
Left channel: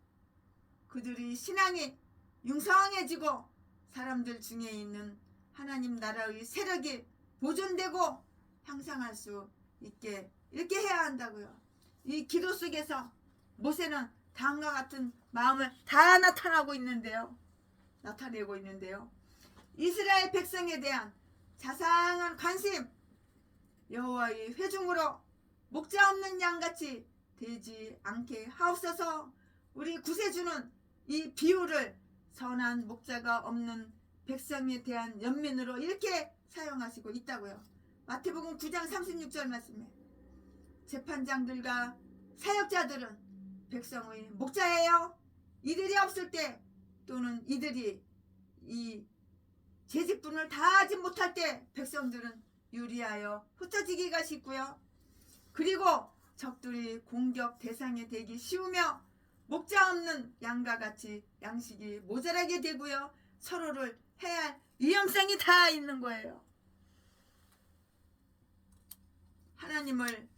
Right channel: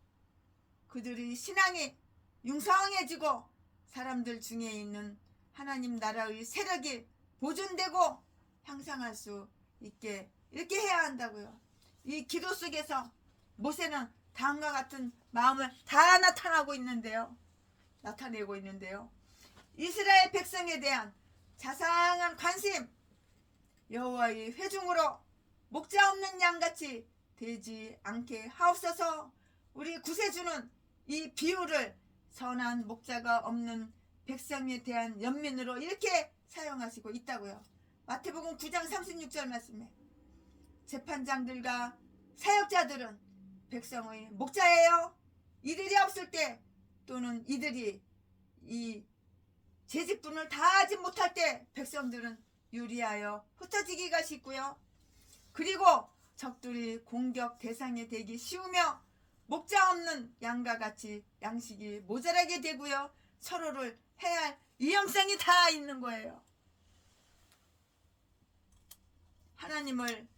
그들의 신앙이 융성해지고 사람들 중에 있는 하나님 나라의 세력이 보존되고 향상할 수 있게 이렇게 해야 한다고요. 이 기도 속에서 모세는 다음과 같은 마음을 다 나타내고 있는데요. 이스라엘 백성에 대한 자상한 관심, 여호와의 회중으로 목자 없는 양같이 되지 않게 하옵소서. 우리 구세주는 이 비유를 선한 목자가 없는 백성에 대한 연민으로 이렇게 사용하시고 있다고요. 마태복음 9장 36절 말씀에 재판장들과 사역자들은 백성의 목자예요. 이들이 없을 때 또는 이들이 이 재직분을 다하지 못할 때 백성들은 유리하여 흩어지기가 쉽고요. 그리고 적들이 공격 대상이 되기 쉬우며 목자 없는 양과 같이 양식이 모자라게 되고요. 서로를 해할 위험성이 다 있는 거예요. 하나님을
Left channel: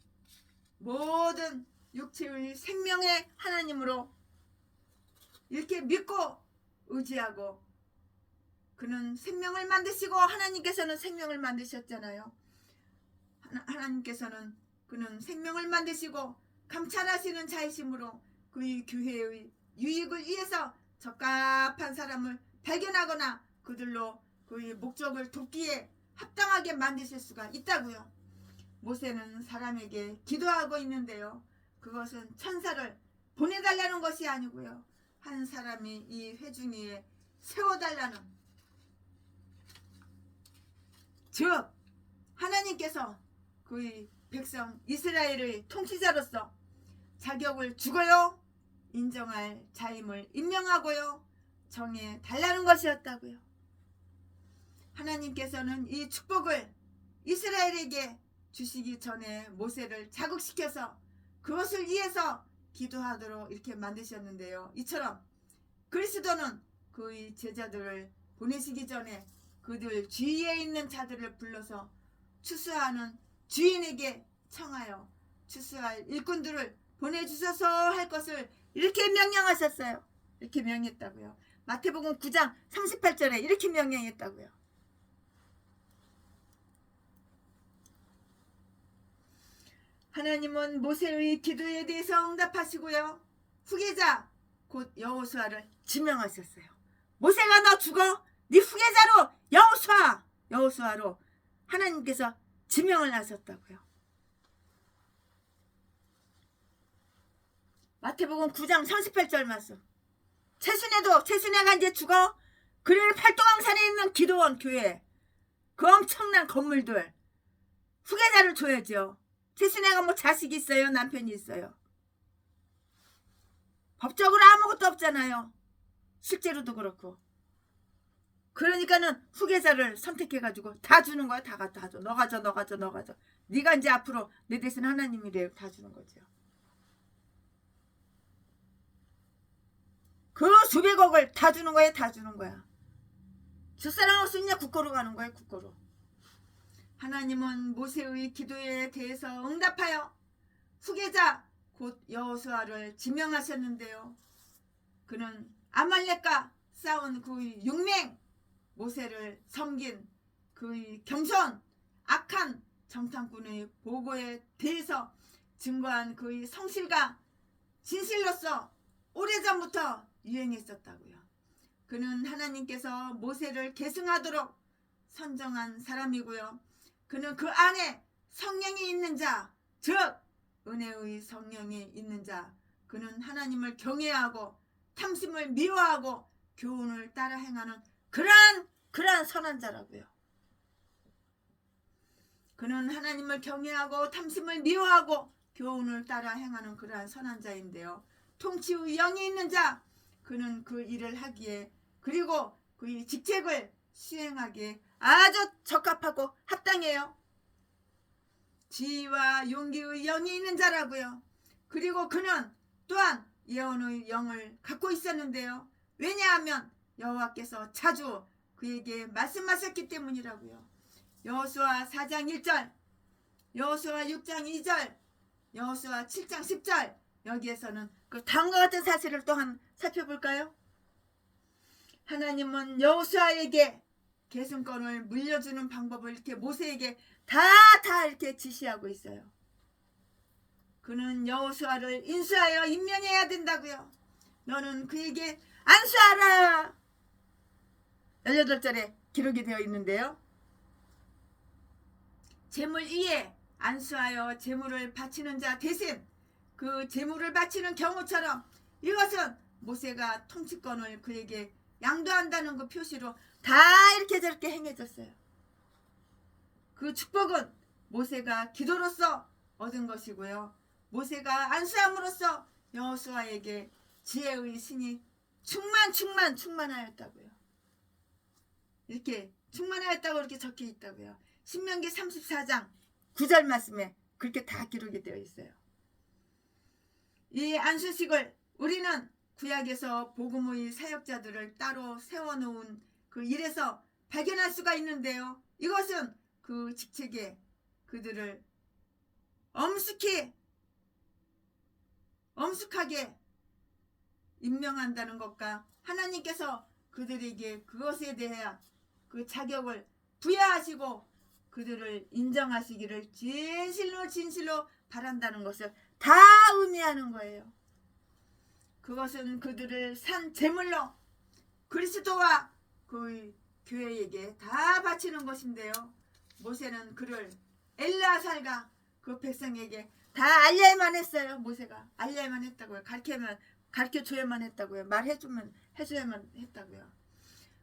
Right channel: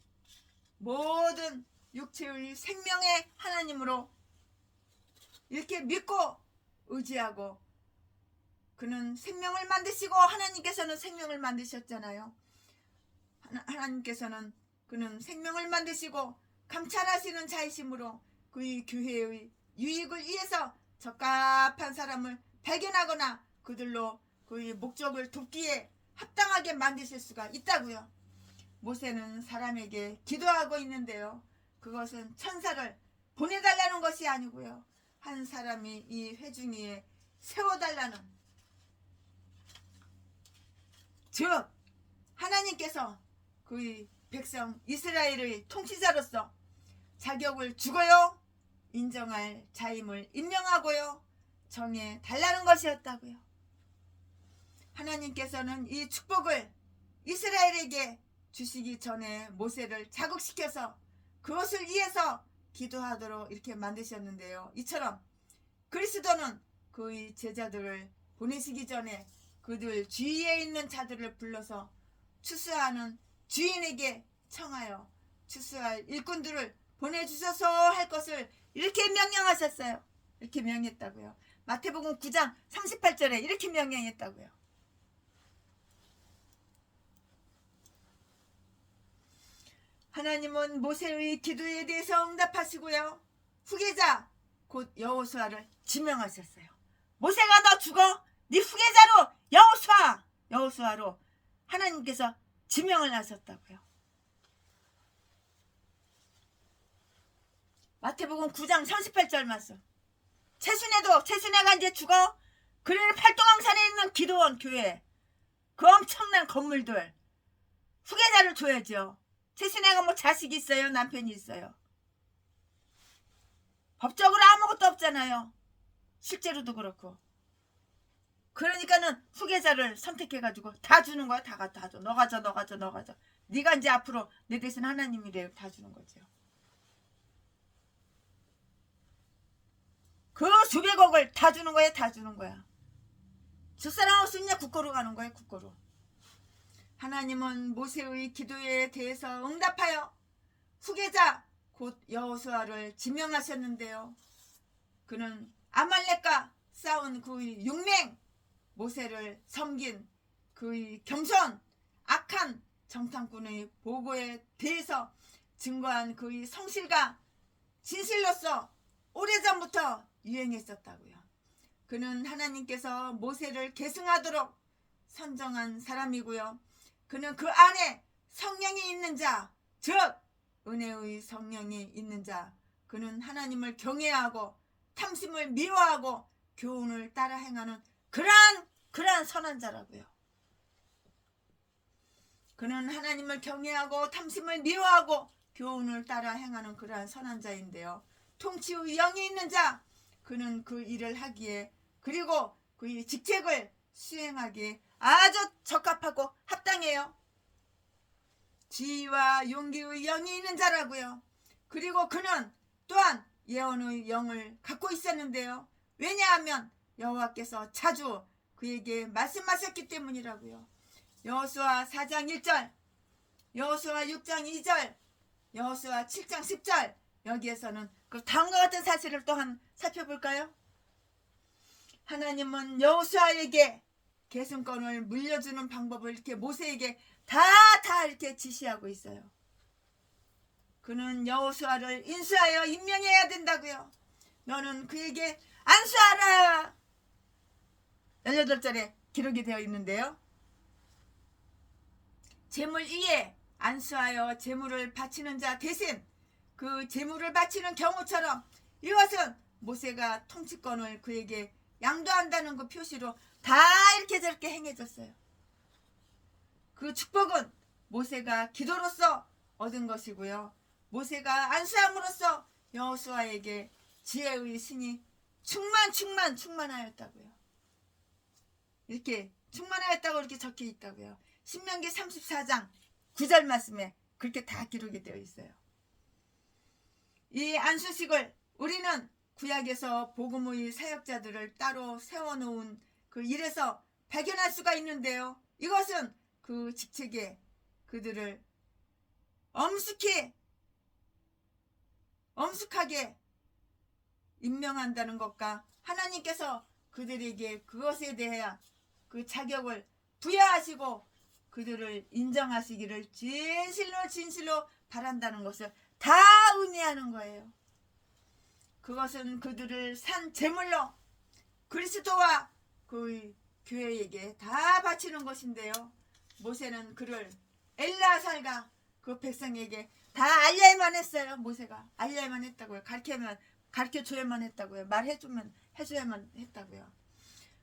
모든 육체의 생명의 하나님으로 이렇게 믿고 의지하고 그는 생명을 만드시고 하나님께서는 생명을 만드셨잖아요. 하나님께서는 그는 생명을 만드시고 감찰하시는 자이심으로 그의 교회의 유익을 위해서 적합한 사람을 발견하거나 그들로 그의 목적을 돕기에 합당하게 만드실 수가 있다고요. 모세는 사람에게 기도하고 있는데요. 그것은 천사를 보내달라는 것이 아니고요. 한 사람이 이 회중 위에 세워달라는, 즉 하나님께서 그의 백성 이스라엘의 통치자로서 자격을 주고요. 인정할 자임을 임명하고요 정해 달라는 것이었다고요. 하나님께서는 이 축복을 이스라엘에게 주시기 전에 모세를 자극시켜서 그것을 위해서 기도하도록 이렇게 만드셨는데요. 이처럼 그리스도는 그의 제자들을 보내시기 전에 그들 주위에 있는 자들을 불러서 추수하는 주인에게 청하여 추수할 일꾼들을 보내주셔서 할 것을 이렇게 명령하셨어요. 이렇게 명했다고요. 마태복음 9장 38절에 이렇게 명령했다고요. 하나님은 모세의 기도에 대해서 응답하시고요. 후계자 곧 여호수아를 지명하셨어요. 모세가 너 죽어 네 후계자로 여호수아로 하나님께서 지명을 하셨다고요. 마태복음 9장 38절 말씀. 최순애가 이제 죽어. 그리고 팔도강산에 있는 기도원 교회 그 엄청난 건물들 후계자를 줘야죠. 최순애가 뭐 자식이 있어요? 남편이 있어요? 법적으로 아무것도 없잖아요. 실제로도 그렇고. 그러니까는 후계자를 선택해가지고 다 주는 거야. 다 줘. 너가 줘. 네가 이제 앞으로 내 대신 하나님이래요. 다 주는 거죠. 그 수백억을 다 주는 거야. 저 사람 없으면 국고로 가는 거예요. 국고로. 하나님은 모세의 기도에 대해서 응답하여 후계자 곧 여호수아를 지명하셨는데요. 그는 아말렉과 싸운 그의 용맹, 모세를 섬긴 그의 겸손, 악한 정탐꾼의 보고에 대해서 증거한 그의 성실과 진실로서 오래전부터 유행했었다고요. 그는 하나님께서 모세를 계승하도록 선정한 사람이고요. 그는 그 안에 성령이 있는 자, 즉 은혜의 성령이 있는 자, 그는 하나님을 경외하고 탐심을 미워하고 교훈을 따라 행하는 그러한 선한 자라고요. 그는 하나님을 경외하고 탐심을 미워하고 교훈을 따라 행하는 그러한 선한 자인데요. 통치의 영이 있는 자, 그는 그 일을 하기에 그리고 그의 직책을 수행하기에 아주 적합하고 합당해요. 지혜와 용기의 영이 있는 자라고요. 그리고 그는 또한 예언의 영을 갖고 있었는데요. 왜냐하면 여호와께서 자주 그에게 말씀하셨기 때문이라고요. 여호수아 4장 1절, 여호수아 6장 2절, 여호수아 7장 10절 여기에서는 그 다음과 같은 사실을 또한 살펴볼까요? 하나님은 여호수아에게 계승권을 물려주는 방법을 이렇게 모세에게 다 이렇게 지시하고 있어요. 그는 여호수아를 인수하여 임명해야 된다고요. 너는 그에게 안수하라. 18절에 기록이 되어 있는데요. 제물 위에 안수하여 제물을 바치는 자 대신 그 제물을 바치는 경우처럼 이것은 모세가 통치권을 그에게 양도한다는 그 표시로 다 이렇게 저렇게 행해졌어요. 그 축복은 모세가 기도로서 얻은 것이고요. 모세가 안수함으로써 여호수아에게 지혜의 신이 충만하였다고요. 이렇게 충만하였다고 이렇게 적혀 있다고요. 신명기 34장 9절 말씀에 그렇게 다 기록이 되어 있어요. 이 안수식을 우리는 구약에서 복음의 사역자들을 따로 세워놓은 그 일에서 발견할 수가 있는데요. 이것은 그 직책에 그들을 엄숙하게 임명한다는 것과 하나님께서 그들에게 그것에 대해 그 자격을 부여하시고 그들을 인정하시기를 진실로 바란다는 것을 다 의미하는 거예요. 그것은 그들을 산 제물로 그리스도와 그 교회에게 다 바치는 것인데요. 모세는 그를 엘르아살과 그 백성에게 다 알려야만 했어요. 모세가 알려야만 했다고요. 가르쳐줘야만 했다고요. 해줘야만 했다고요.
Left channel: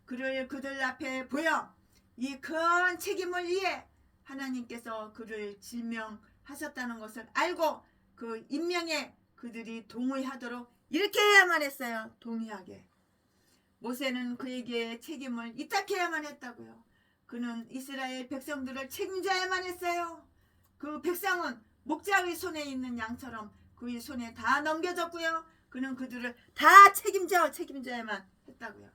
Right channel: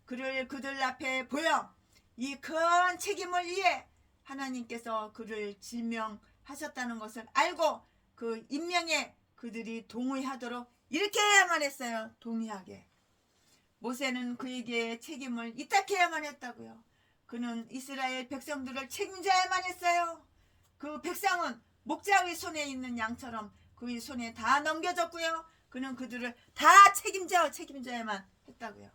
그를 그들 앞에 보여 이 큰 책임을 위해 하나님께서 그를 지명하셨다는 것을 알고 그 임명에 그들이 동의하도록 이렇게 해야만 했어요. 동의하게. 모세는 그에게 책임을 이탁해야만 했다고요. 그는 이스라엘 백성들을 책임져야만 했어요. 그 백성은 목자의 손에 있는 양처럼 그의 손에 다 넘겨졌고요. 그는 그들을 다 책임져야만 했다고요.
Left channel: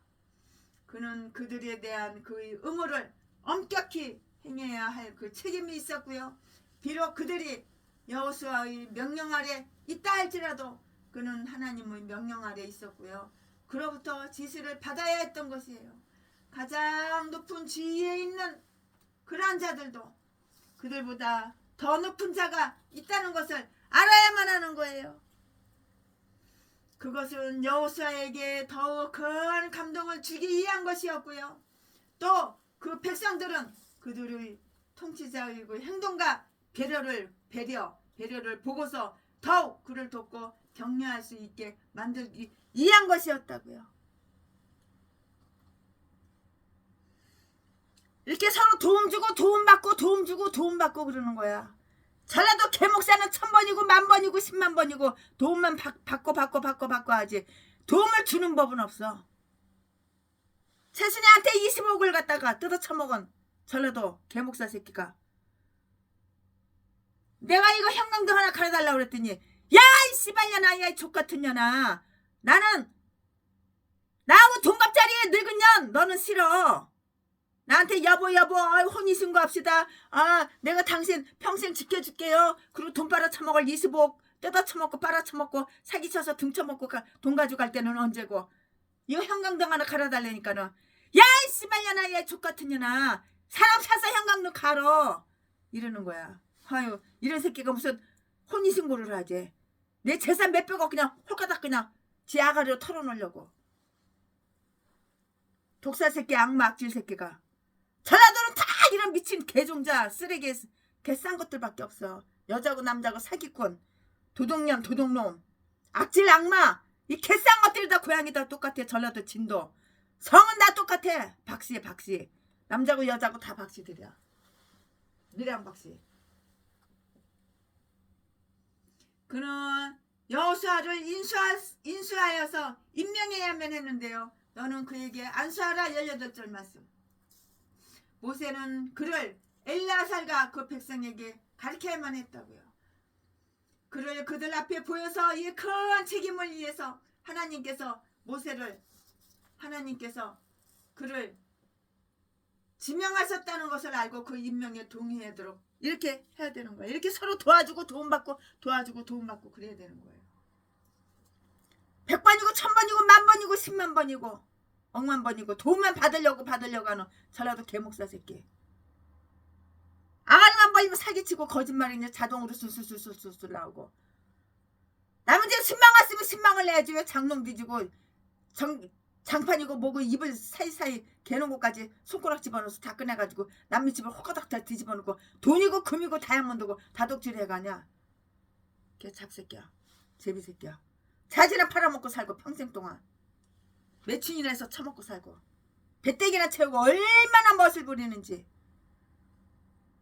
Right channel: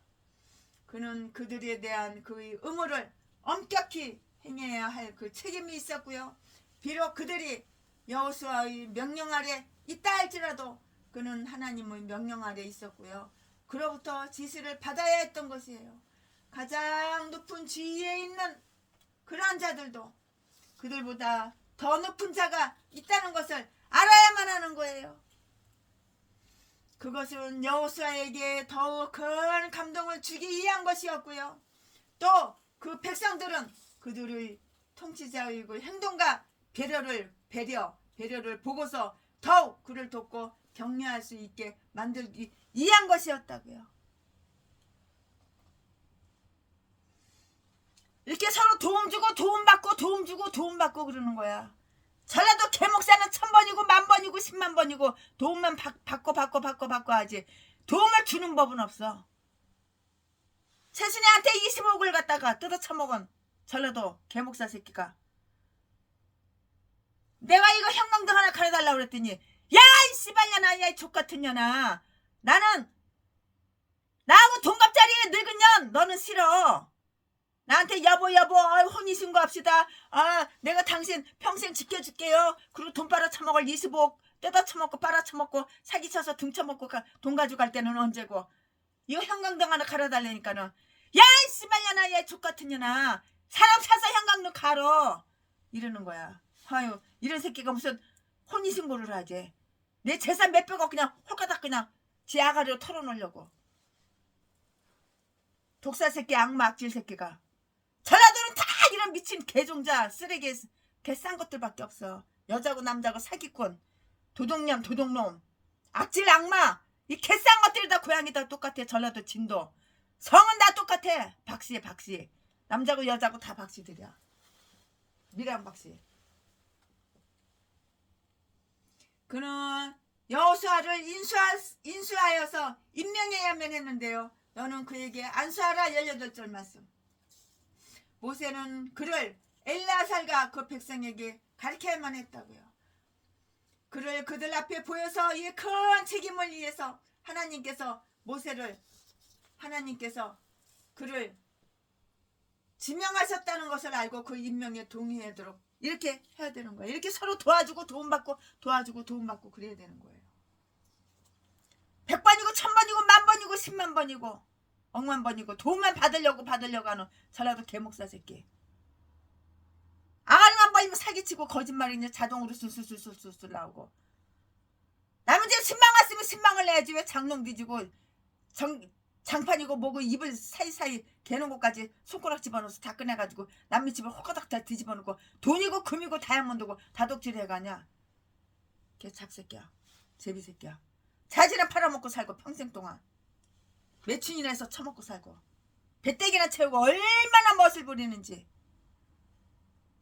그는 그들에 대한 그의 의무를 엄격히 행해야 할 그 책임이 있었고요. 비록 그들이 여호수아의 명령 아래 있다 할지라도 그는 하나님의 명령 아래 있었고요. 그로부터 지시를 받아야 했던 것이에요. 가장 높은 지위에 있는 그러한 자들도 그들보다 더 높은 자가 있다는 것을 알아야만 하는 거예요. 그것은 여호수아에게 더욱 큰 감동을 주기 위한 것이었고요. 또 그 백성들은 그들의 통치자의 행동과 배려를 보고서 더욱 그를 돕고 격려할 수 있게 만들기 위한 것이었다고요. 이렇게 서로 도움 주고 도움 받고 그러는 거야. 전라도 개목사는 1000번이고 10,000번이고 100,000번이고 도움만 받고 하지 도움을 주는 법은 없어. 최순애한테 20억을 갖다가 뜯어 처먹은 전라도 개목사 새끼가 내가 이거 형광등 하나 가려달라고 그랬더니 야 이 씨발년아 야 이 족같은 년아 나는 나하고 동갑자리에 늙은 년 너는 싫어. 나한테 여보 혼인신고합시다. 내가 당신 평생 지켜줄게요. 그리고 돈 빨아쳐먹을 20억 뜯어쳐먹고 빨아쳐먹고 사기쳐서 등쳐먹고 돈 가져갈 때는 언제고. 이거 형광등 하나 갈아달라니까는 야 이 씨발년아 야 족같은 년아 사람 사서 형광등 갈어 이러는 거야. 아유 이런 새끼가 무슨 혼인신고를 하지. 내 재산 몇백억 그냥 홀가닥 그냥 지 아가리로 털어놓으려고. 독사 새끼 악마 악질 새끼가. 전라도는 다 이런 미친 개종자 쓰레기 개싼 것들밖에 없어. 여자고 남자고 사기꾼 도둑놈 악질 악마 이 개싼 것들이 다 고양이 다 똑같아. 전라도 진도 성은 다 똑같아. 박씨 남자고 여자고 다 박씨들이야. 미랑 박씨. 그는 여호수아를 인수하여서 임명해야만 했는데요. 너는 그에게 안수하라 18절 말씀. 모세는 그를 엘라살과 그 백성에게 가르쳐야만 했다고요. 그를 그들 앞에 보여서 이 큰 책임을 위해서 하나님께서 그를 지명하셨다는 것을 알고 그 임명에 동의하도록 이렇게 해야 되는 거예요. 이렇게 서로 도와주고 도움받고 그래야 되는 거예요. 100번이고 1000번이고 10,000번이고 100,000번이고 억만번이고 도움만 받으려고 하는 전라도 개목사 새끼. 아가리만 벌리면 사기치고 거짓말이냐 자동으로 술술 나오고. 남은 집 신망 왔으면 신망을 내야지. 왜 장롱 뒤지고 장판이고 뭐고 입을 사이사이 개놓은 것까지 손가락 집어넣어서 다 꺼내가지고 남의 집을 호가닥 다 뒤집어놓고 돈이고 금이고 다이아몬드고 다독질 해가냐. 걔 작새끼야. 제비새끼야. 자지나 팔아먹고 살고 평생 동안 매춘이나 해서 처먹고 살고 배때기나 채우고 얼마나 멋을 부리는지.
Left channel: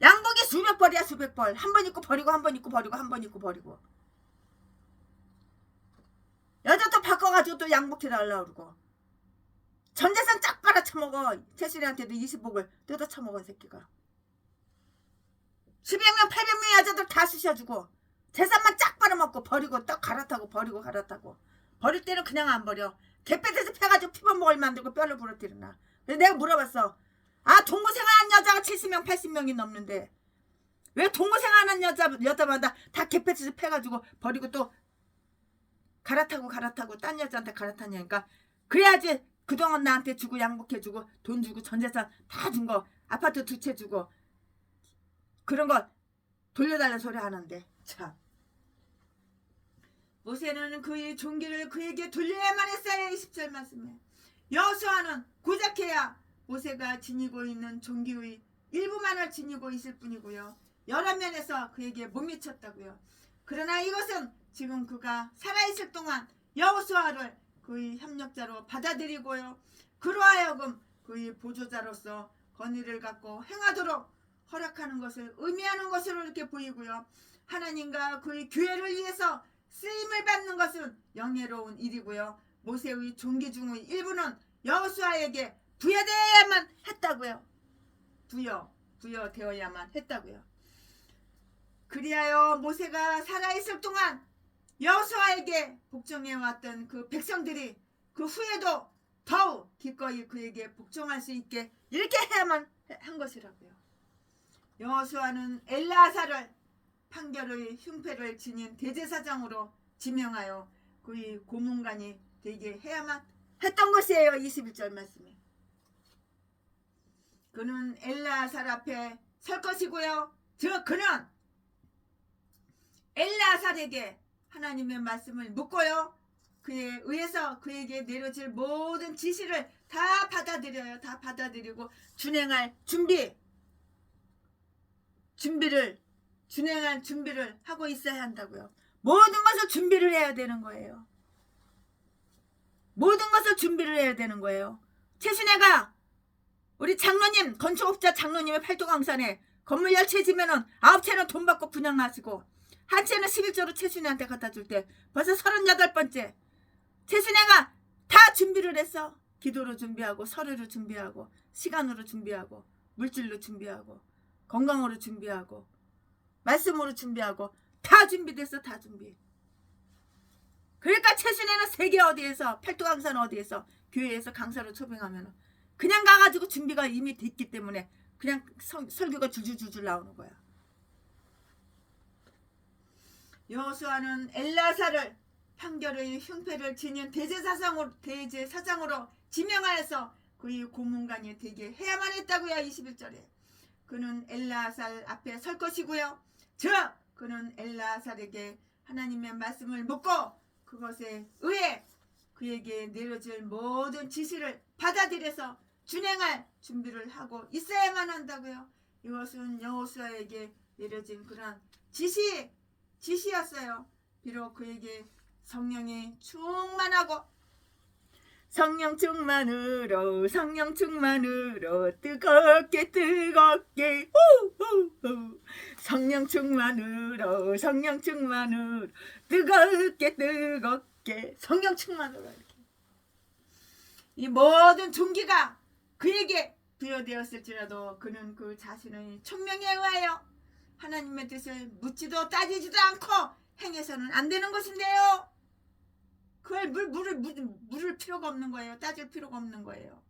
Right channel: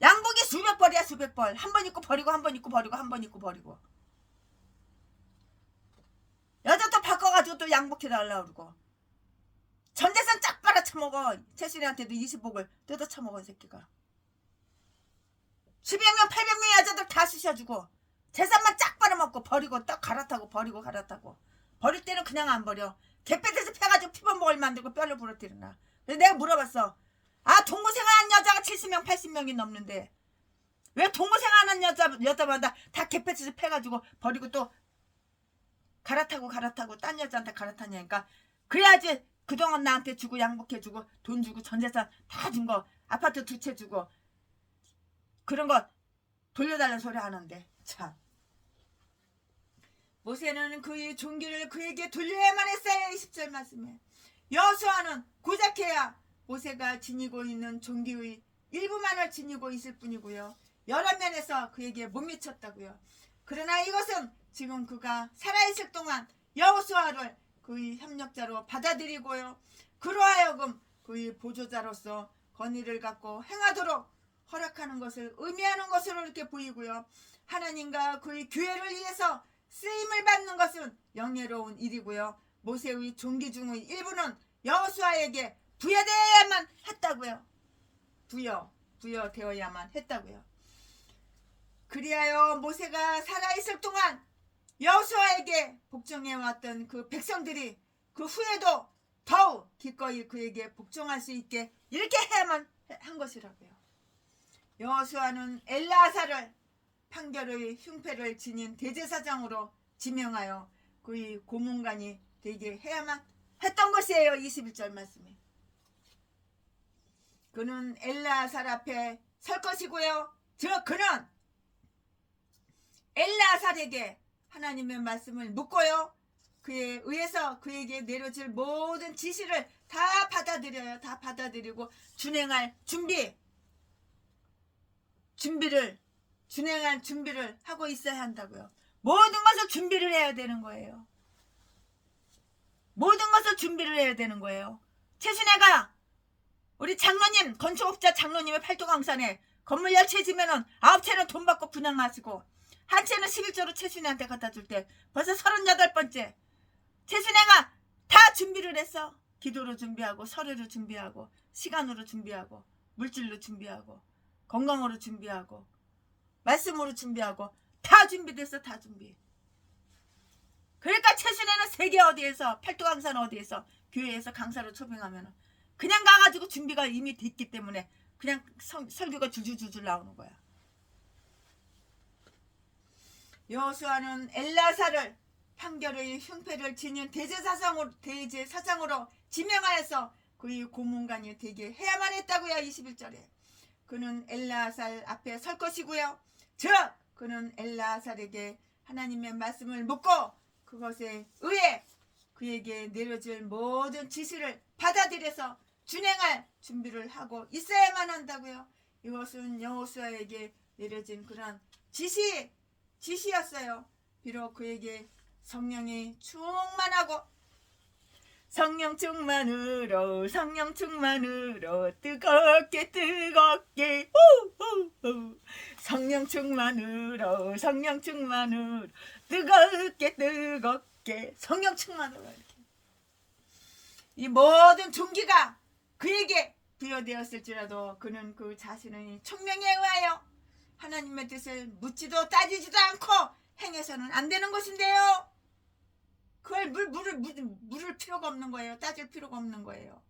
양복이 수백 벌이야 수백 벌. 한 번 입고 버리고 한 번 입고 버리고 한 번 입고 버리고. 여자 또 바꿔가지고 또 양복해달라고 그러고. 전재산 쫙 빨아쳐먹어. 최순애한테도 20억을 뜯어쳐먹은 새끼가. 700명 800명의 여자들 다 쑤셔주고 재산만 쫙 빨아먹고 버리고 떡 갈아타고 버리고 갈아타고. 버릴 때는 그냥 안 버려. 개패듯이 패가지고 피범벅을 만들고 뼈를 부러뜨리나. 그래서 내가 물어봤어. 동무생활한 여자가 70명 80명이 넘는데 왜 동무생활하는 여자마다 다 개패듯이 패가지고 버리고 또 갈아타고 딴 여자한테 갈아타냐니까. 그래야지 그동안 나한테 주고 양복해주고 돈 주고 전재산 다 준 거 아파트 2채 주고 그런 거 돌려달라는 소리 하는데 참. 모세는 그의 종기를 그에게 돌려야만 했어요. 20절 말씀에. 여호수아는 고작해야 모세가 지니고 있는 종기의 일부만을 지니고 있을 뿐이고요. 여러 면에서 그에게 못 미쳤다고요. 그러나 이것은 지금 그가 살아있을 동안 여호수아를 그의 협력자로 받아들이고요. 그로 하여금 그의 보조자로서 권위를 갖고 행하도록 허락하는 것을 의미하는 것으로 이렇게 보이고요. 하나님과 그의 교회를 위해서 쓰임을 받는 것은 영예로운 일이고요. 모세의 종기 중의 일부는 여호수아에게 부여되어야만 했다고요. 부여되어야만 했다고요. 그리하여 모세가 살아있을 동안 여호수아에게 복종해왔던 그 백성들이 그 후에도 더욱 기꺼이 그에게 복종할 수 있게 이렇게 해야만 한 것이라고요. 여호수아는 엘르아살을 판결의 흉패를 지닌 대제사장으로 지명하여 그의 고문관이 되게 해야만 했던 것이에요. 21절 말씀에. 그는 엘르아살 앞에 설 것이고요. 즉 그는 엘르아살에게 하나님의 말씀을 묻고요. 그에 의해서 그에게 내려질 모든 지시를 다 받아들여요. 다 받아들이고 준행할 준비를 하고 있어야 한다고요. 모든 것을 준비를 해야 되는 거예요. 모든 것을 준비를 해야 되는 거예요. 최순애가 우리 장로님, 건축업자 장로님의 팔도강산에 건물 10채 지면은 9채는 돈 받고 분양하시고 한 채는 11조로 최순애한테 갖다 줄 때 벌써 38번째. 최순애가 다 준비를 했어. 기도로 준비하고 서류로 준비하고 시간으로 준비하고 물질로 준비하고 건강으로 준비하고 말씀으로 준비하고 다 준비됐어. 다 준비. 그러니까 최순애는 세계 어디에서 팔도강산 어디에서 교회에서 강사로 초빙하면 그냥 가가지고 준비가 이미 됐기 때문에 그냥 설교가 줄줄줄줄 나오는 거야. 여호수아는 엘르아살을 판결의 흉패를 지닌 대제사장으로 지명하여서 그의 고문관이 되게 해야만 했다고요. 21절에. 그는 엘르아살 앞에 설 것이고요. 즉 그는 엘르아살에게 하나님의 말씀을 묻고 그것에 의해 그에게 내려질 모든 지시를 받아들여서 준행할 준비를 하고 있어야만 한다고요. 이것은 여호수아에게 내려진 그런 지시였어요. 비록 그에게 성령이 충만하고 성령 충만으로 뜨겁게 성령 충만으로 뜨겁게 성령 충만으로 이렇게. 이 모든 종기가 그에게 부여되었을지라도 그는 그 자신의 총명에 의하여 하나님의 뜻을 묻지도 따지지도 않고 행해서는 안 되는 것인데요. 그걸 물을 필요가 없는 거예요. 따질 필요가 없는 거예요.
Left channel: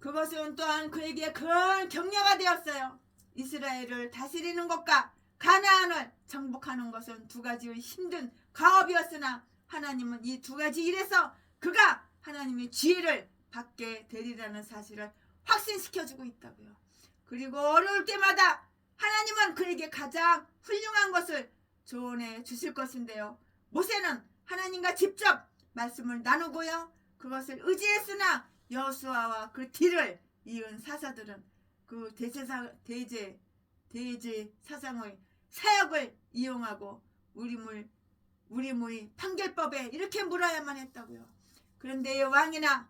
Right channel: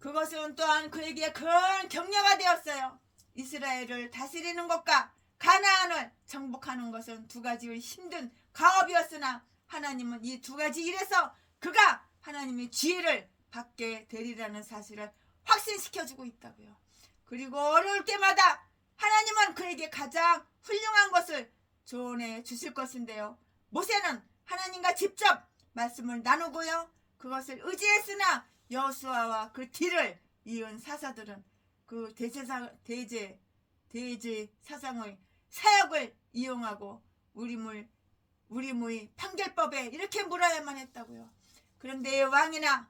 그것은 또한 그에게 큰 격려가 되었어요. 이스라엘을 다스리는 것과 가나안을 정복하는 것은 두 가지의 힘든 가업이었으나 하나님은 이 두 가지 일에서 그가 하나님의 지혜를 받게 되리라는 사실을 확신시켜주고 있다고요. 그리고 어려울 때마다 하나님은 그에게 가장 훌륭한 것을 조언해 주실 것인데요. 모세는 하나님과 직접 말씀을 나누고요. 그것을 의지했으나 여호수아와 그 뒤를 이은 사사들은 그 대제 사상의 사역을 이용하고 우리의 판결법에 이렇게 물어야만 했다고요. 그런데 왕이나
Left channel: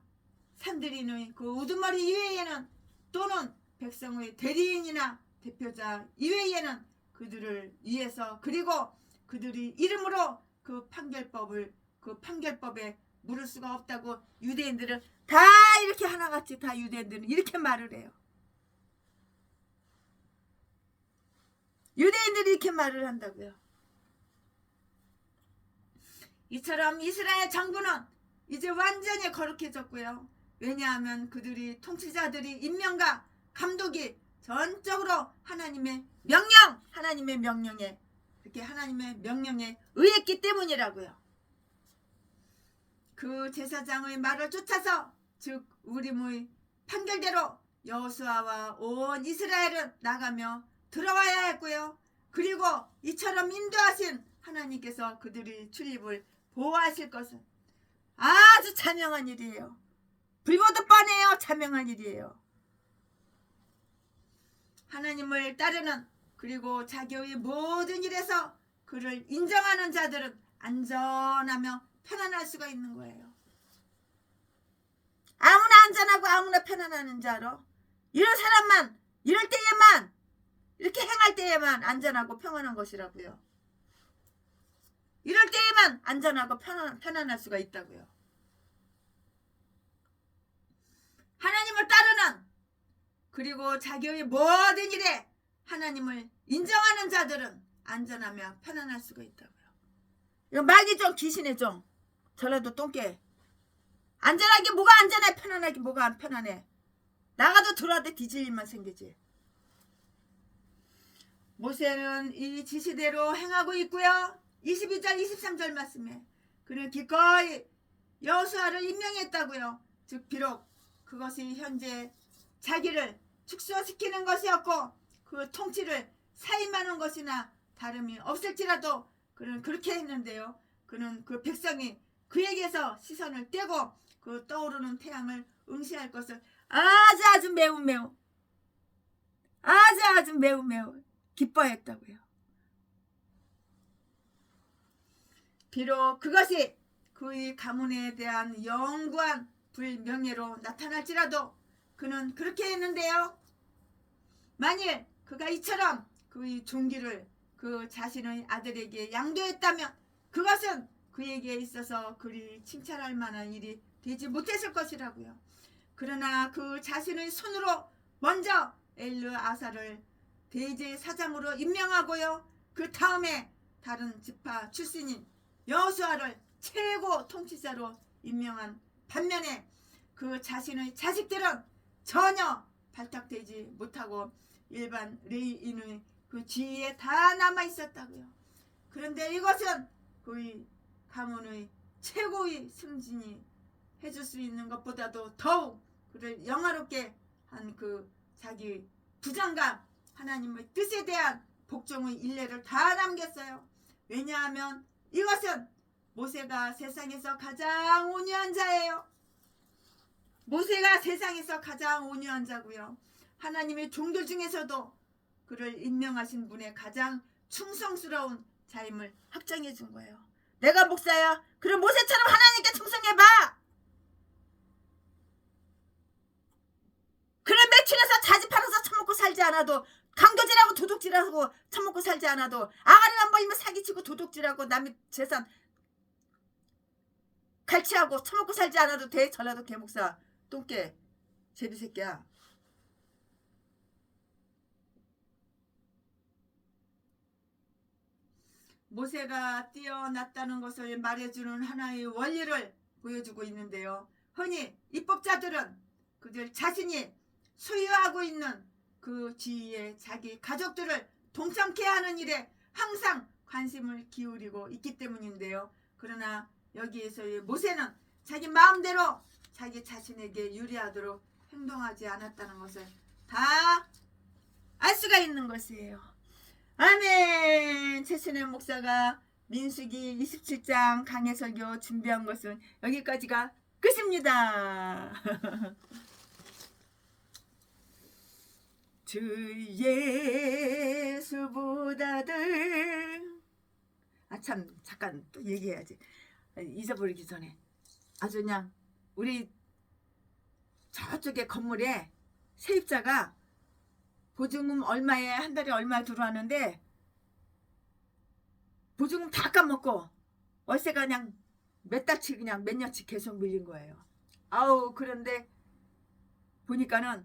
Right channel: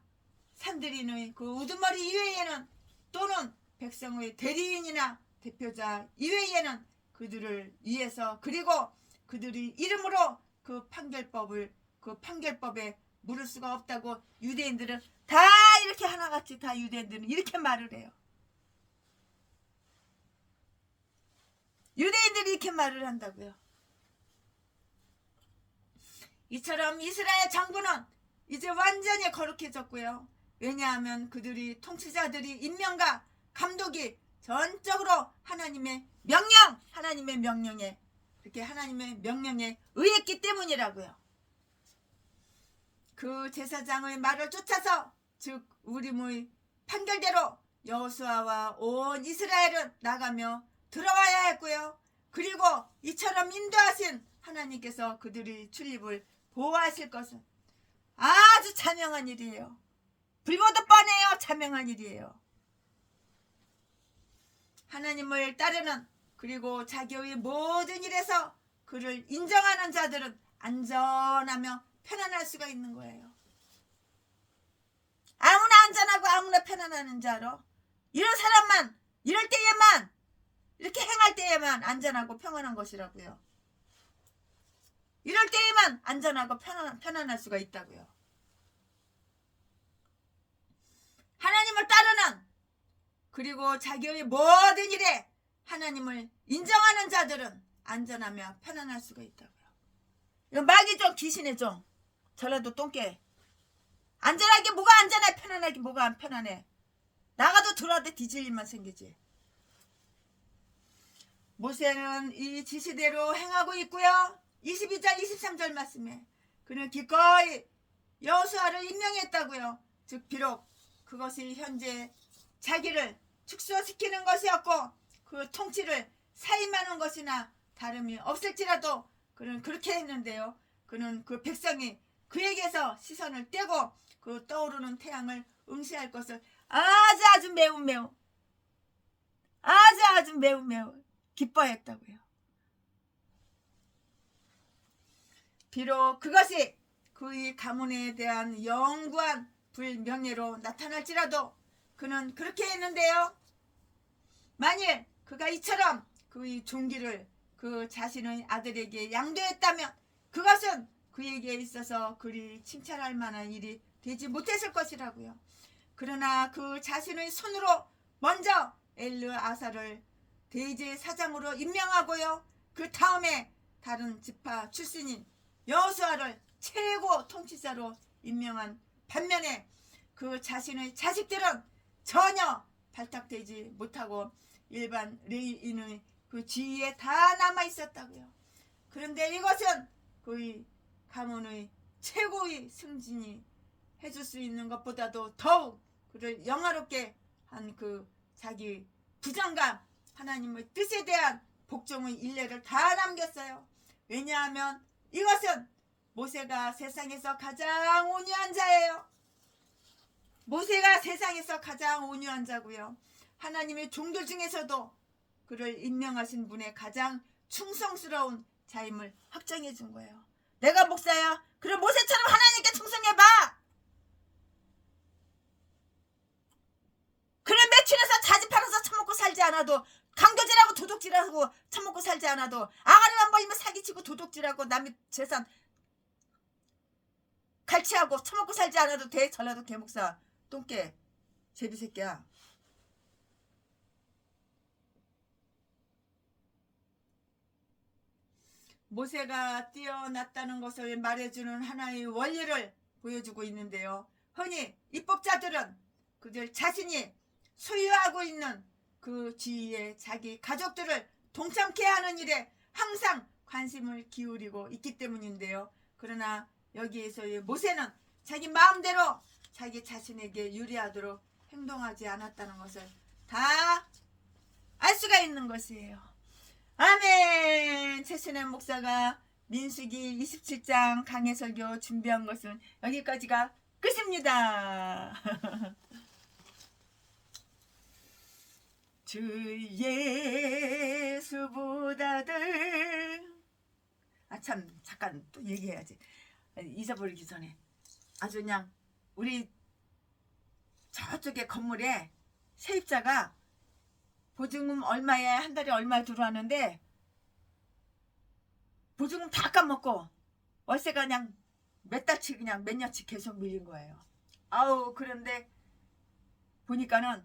산들인의 그 우두머리 이외에는 또는 백성의 대리인이나 대표자 이외에는 그들을 위해서 그리고 그들이 이름으로 그 판결법에 물을 수가 없다고 유대인들은 다 이렇게 하나같이 다 유대인들은 이렇게 말을 해요. 유대인들이 이렇게 말을 한다고요. 이처럼 이스라엘 정부는 이제 완전히 거룩해졌고요. 왜냐하면 그들이 통치자들이 임명과 감독이 전적으로 하나님의 명령에 이렇게 하나님의 명령에 의했기 때문이라고요. 그 제사장의 말을 쫓아서 즉 우림의 판결대로 여호수아와 온 이스라엘은 나가며 들어와야 했고요. 그리고 이처럼 인도하신 하나님께서 그들의 출입을 보호하실 것은 아주 자명한 일이에요. 불보듯 뻔해요. 자명한 일이에요. 하나님을 따르는 그리고 자기의 모든 일에서 그를 인정하는 자들은 안전하며 편안할 수가 있는 거예요. 아무나 안전하고 아무나 편안한 자로 이런 사람만 이럴 때에만 이렇게 행할 때에만 안전하고 평안한 것이라고요. 이럴 때에만 안전하고 편안할 수가 있다고요. 하나님을 따르는, 그리고 자기의 모든 일에 하나님을 인정하는 자들은 안전하며 편안할 수가 있다고요. 이거 마귀 종, 귀신의 종, 전라도 똥개. 안전하게 뭐가 안전해, 편안하게 뭐가 안 편안해. 나가도 들어와도 뒤질 일만 생기지. 모세는 이 지시대로 행하고 있고요. 22절 23절 말씀에 그는 기꺼이 여호수아를 임명했다고요. 즉 비록 그것이 현재 자기를 축소시키는 것이었고 그 통치를 사임하는 것이나 다름이 없을지라도 그는 그렇게 했는데요. 그는 그 백성이 그에게서 시선을 떼고 그 떠오르는 태양을 응시할 것을 아주 매우 기뻐했다고요. 비록 그것이 그의 가문에 대한 영구한 불명예로 나타날지라도 그는 그렇게 했는데요. 만일 그가 이처럼 그의 종기를 그 자신의 아들에게 양도했다면 그것은 그에게 있어서 그리 칭찬할 만한 일이 되지 못했을 것이라고요. 그러나 그 자신의 손으로 먼저 엘르아사를 대제사장으로 임명하고요. 그 다음에 다른 지파 출신인 여호수아를 최고 통치자로 임명한 반면에 그 자신의 자식들은 전혀 발탁되지 못하고 일반 레위인의 그 지위에 다 남아 있었다고요. 그런데 이것은 그의 가문의 최고의 승진이 해줄 수 있는 것보다도 더욱 그를 영화롭게 한 그 자기 부정감, 하나님의 뜻에 대한 복종의 일례를 다 남겼어요. 왜냐하면 이것은 모세가 세상에서 가장 온유한 자예요. 모세가 세상에서 가장 온유한 자고요. 하나님의 종들 중에서도 그를 임명하신 분의 가장 충성스러운 자임을 확정해 준 거예요. 내가 목사야. 그럼 모세처럼 하나님께 충성해봐. 그래 매출해서 자지 팔아서 처먹고 살지 않아도, 강도질하고 도둑질하고 처먹고 살지 않아도, 아가리만 벌리면 사기치고 도둑질하고 남의 재산 갈취하고 처먹고 살지 않아도 돼. 전라도 개목사 똥개 제비새끼야. 모세가 뛰어났다는 것을 말해주는 하나의 원리를 보여주고 있는데요. 흔히 입법자들은 그들 자신이 소유하고 있는 그 지위에 자기 가족들을 동참케 하는 일에 항상 관심을 기울이고 있기 때문인데요. 그러나 여기에서의 모세는 자기 마음대로 자기 자신에게 유리하도록 행동하지 않았다는 것을 다 알 수가 있는 것이에요. 아멘. 최순애 목사가 민수기 27장 강해 설교 준비한 것은 여기까지가 끝입니다. 주 예수보다들, 참 잠깐 또 얘기해야지. 잊어버리기 전에 아주 그냥 우리 저쪽에 건물에 세입자가 보증금 얼마에 한 달에 얼마 들어왔는데 보증금 다 까먹고 월세가 그냥 몇 달치 그냥 몇 년치 계속 밀린 거예요. 아우, 그런데 보니까는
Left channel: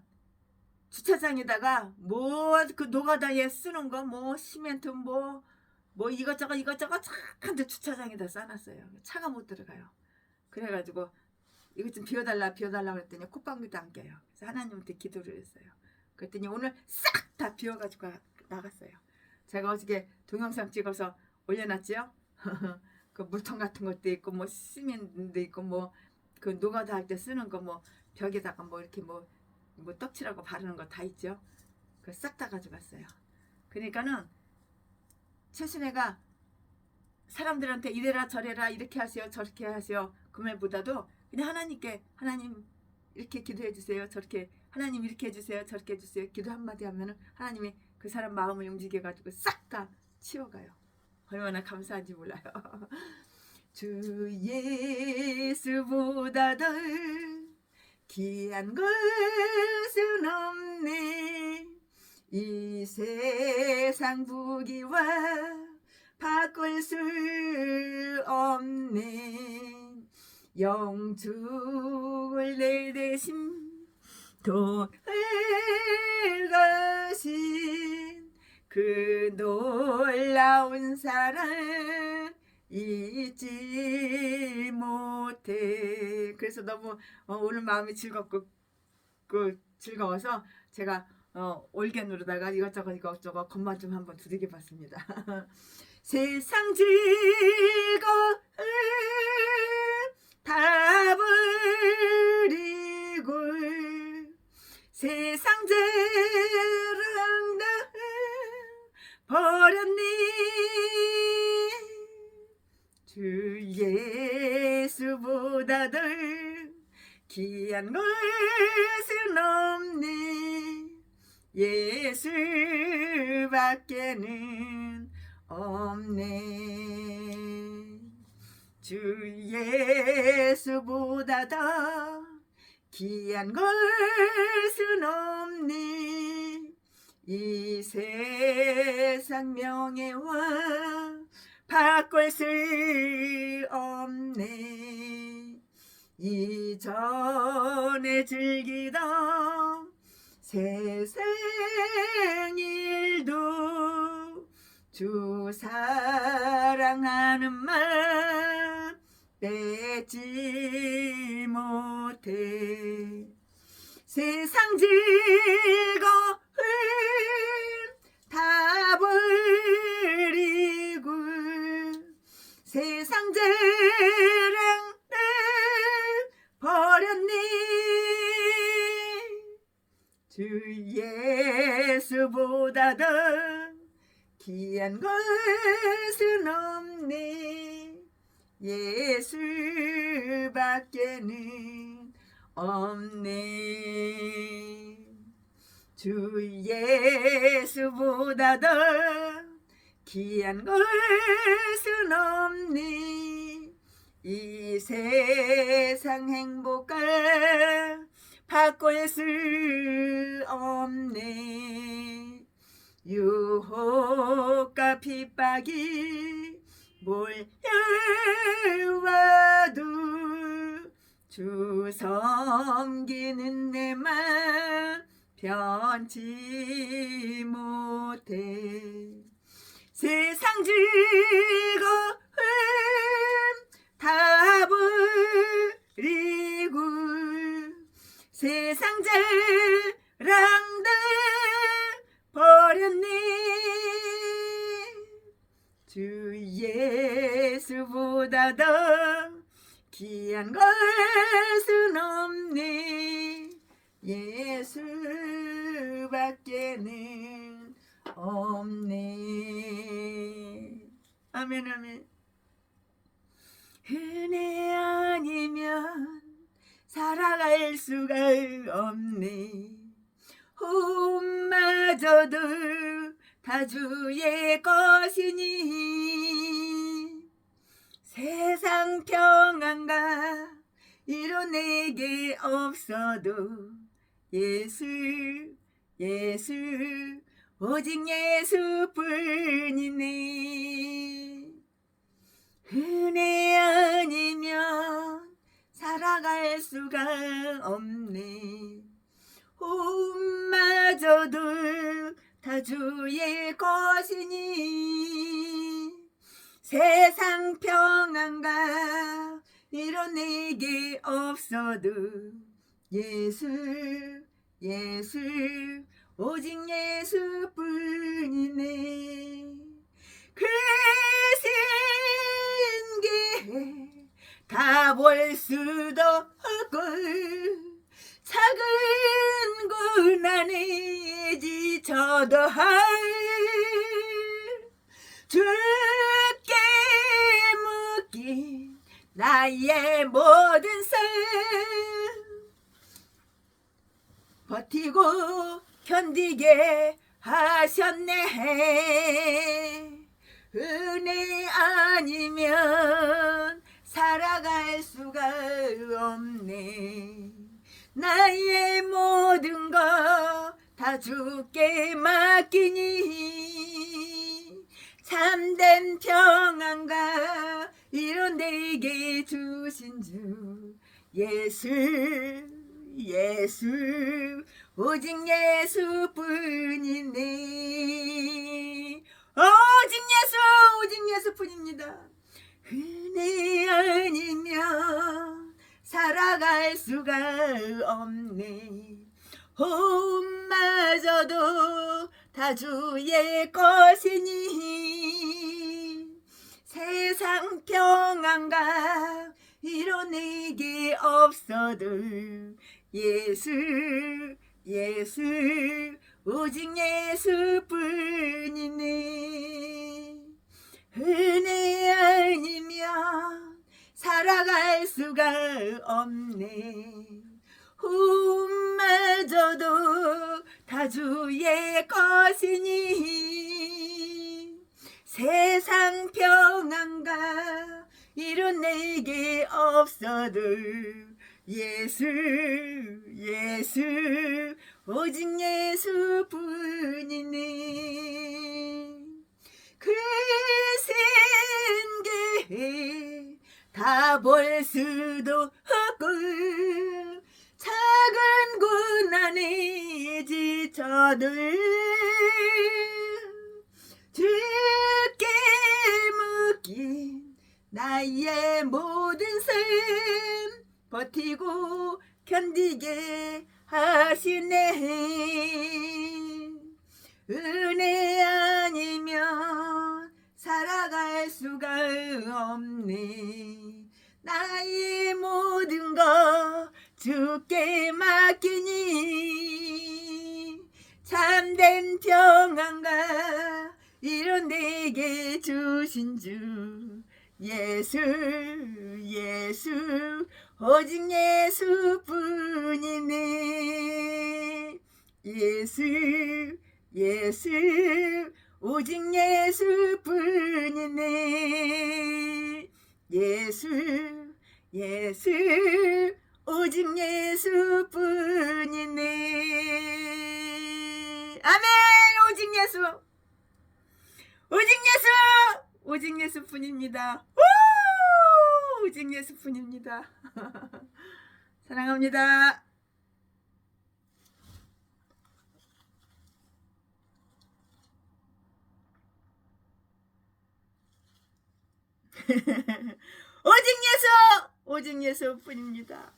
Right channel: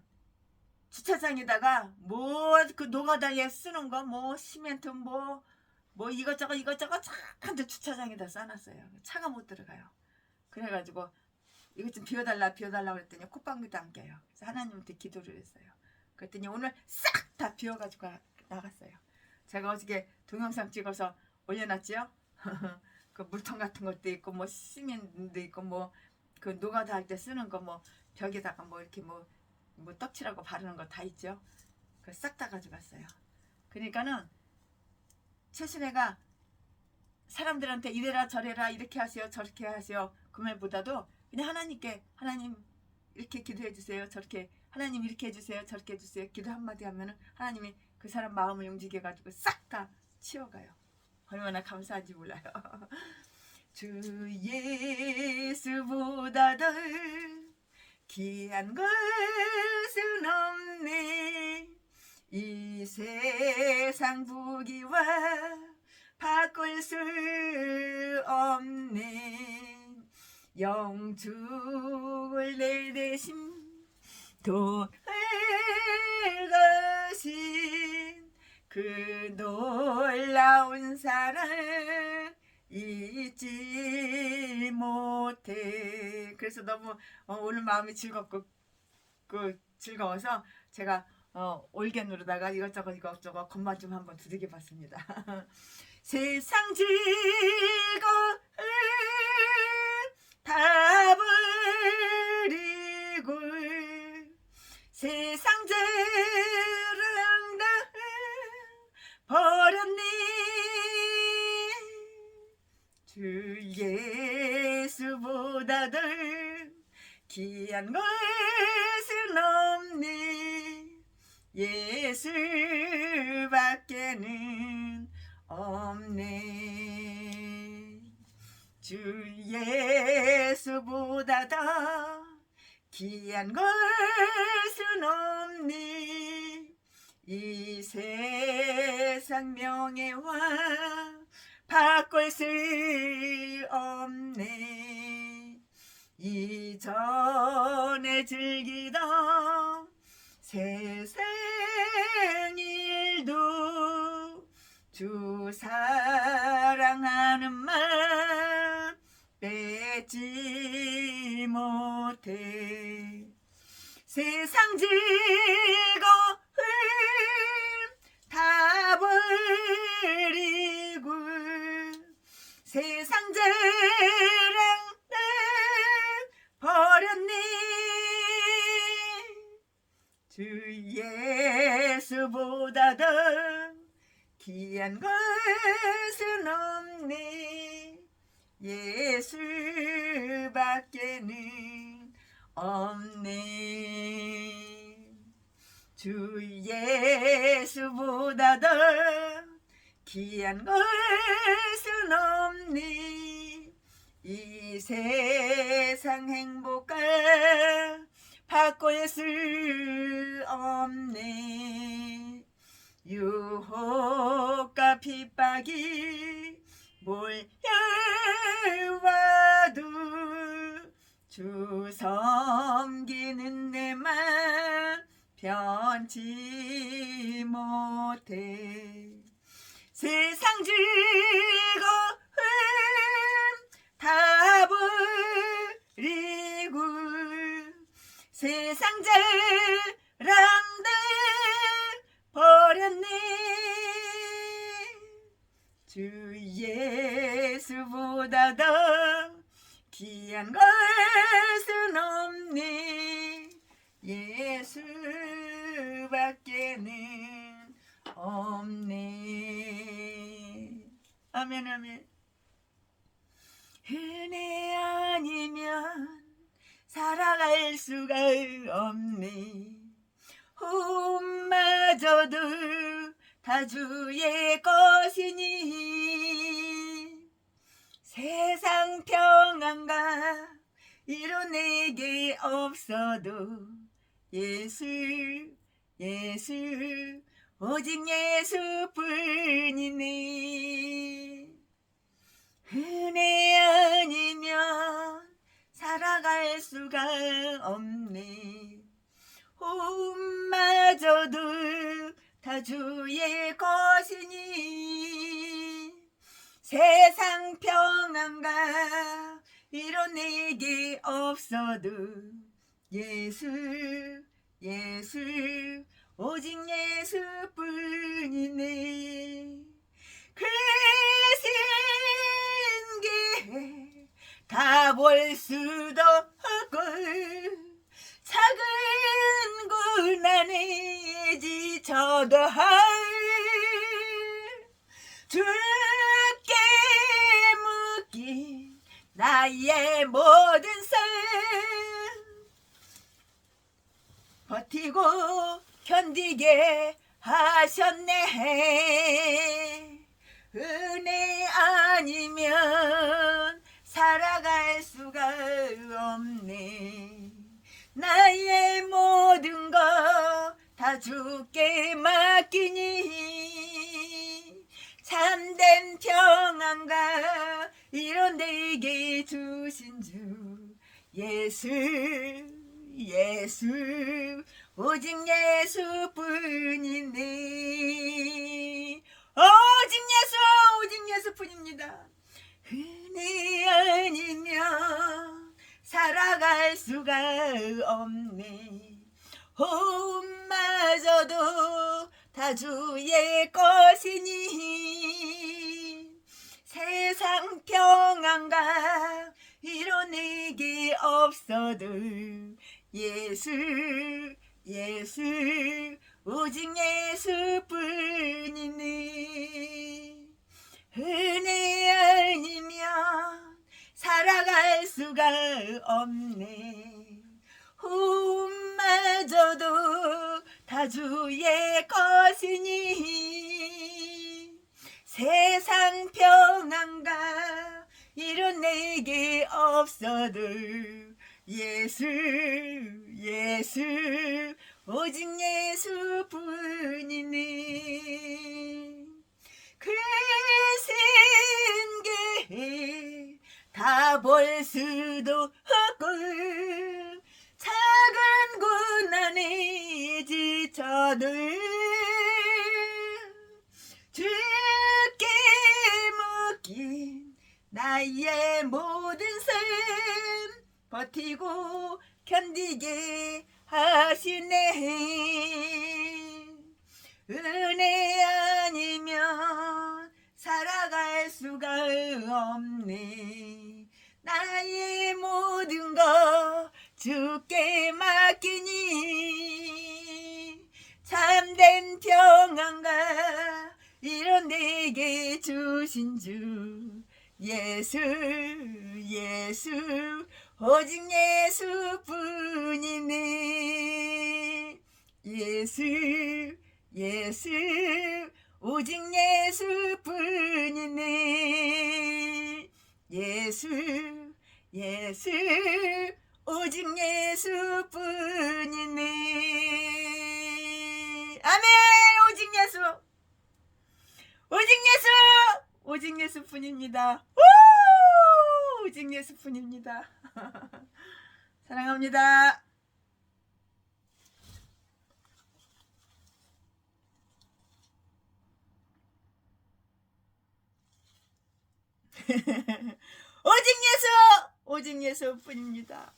주차장에다가 뭐 그 노가다에 쓰는 거 뭐 시멘트 뭐 이것저것 착한데 주차장에다 싸놨어요. 차가 못 들어가요. 그래가지고 이것 좀 비워달라 그랬더니 콧방귀도 안 껴요. 그래서 하나님한테 기도를 했어요. 그랬더니 오늘 싹 다 비워가지고 나갔어요. 제가 어저께 동영상 찍어서 올려놨지요. 그 물통 같은 것도 있고 뭐 시멘트도 있고 뭐 그 노가다 할 때 쓰는 거 뭐 벽에다가 뭐 이렇게 뭐 떡칠하고 바르는 거 다 있죠. 그 싹 다 가져갔어요. 그러니까는 최순애가 사람들한테 이래라 저래라 이렇게 하세요 저렇게 하세요 그 말보다도 그냥 하나님께, 하나님 이렇게 기도해 주세요, 저렇게 하나님 이렇게 해주세요, 저렇게 해주세요 기도 한마디 하면은 하나님이 그 사람 마음을 움직여가지고 싹 다 치워가요. 얼마나 감사한지 몰라요. 주 예수보다도 귀한 것은 없네. 이 세상 부귀와 바꿀 수 없네. 영축을 내 대신 돌가신 그 놀라운 사랑 잊지 못해. 그래서 너무 오늘 마음이 즐거워서 제가 올겐으로다가 이것저것 것만 좀 한번 두들겨 봤습니다. 세상 즐거움 다 버리고 세상 자랑 다 버렸니. 주 예수보다 더 귀한 것은 없네. 예수밖에는 없네. 주 예수보다 더 귀한 것은 없네. 이 세상 명예와 바꿀 수 없네. 이전에 즐기던 세상 일도 주 사랑하는 마음 빼지 못해. 세상 즐거움 다 버리고 세상 자랑 다 버렸니. 주 예수보다 더 귀한 것은 없네. 예수밖에는 없네. 주 예수보다 더 귀한 것은 없네. 이 세상 행복과 바꿀 수 없네. 유혹과 핍박이 몰려와도 주 섬기는 내 맘 변치 못해. 세상 즐거움 다 버리고 세상 자랑들 버렸네. 주 예수보다 더 귀한 것은 없네. 예수밖에는 없네. 아멘 아멘. 은혜 아니면 살아갈 수가 없네. 혼마저도 다 주의 것이니 세상 평안과 이뤄내게 없어도 예수 오직 예수뿐이네. 은혜 아니면 살아갈 수가 없네. 혼마저도 다 주의 것이니 세상 평안과 이뤄내게 없어도 예수 오직 예수뿐이네. 그 신기 다 볼 수도 없고 작은 고난에 지쳐도 주께 묶인 나의 모든 삶 버티고 견디게 하셨네. 은혜 아니면 살아갈 수가 없네. 나의 모든 것 다 주께 맡기니 참된 평안과 이런 내게 주신 주 예수 예수 오직 예수뿐이네. 오직 예수뿐입니다. 은혜 아니면 살아갈 수가 없네. 호흡마저도 다 주의 것이니 세상 평안과 이뤄내기 없어도 예수 오직 예수뿐이네. 은혜 아니면 살아갈 수가 없네. 호흡마저도 다 주의 것이니 세상 평안과 이뤄내기 없어도 예수 오직 예수뿐이네. 큰 게 다 볼 수도 없고 작은 고난에 지쳐도 주께 묶인 나의 모든 삶 버티고 견디게 하시네. 은혜 아니면 살아갈 수가 없네. 나의 모든 것 주께 맡기니 참된 평안과 이런 내게 주신 주 예수 오직 예수뿐이네. 예수 오직 예수뿐이네. 예수 오직 예수뿐이네. 아멘. 오직 예수뿐입니다. 오직 예수뿐입니다. 사랑합니다. 오직 예수뿐입니다.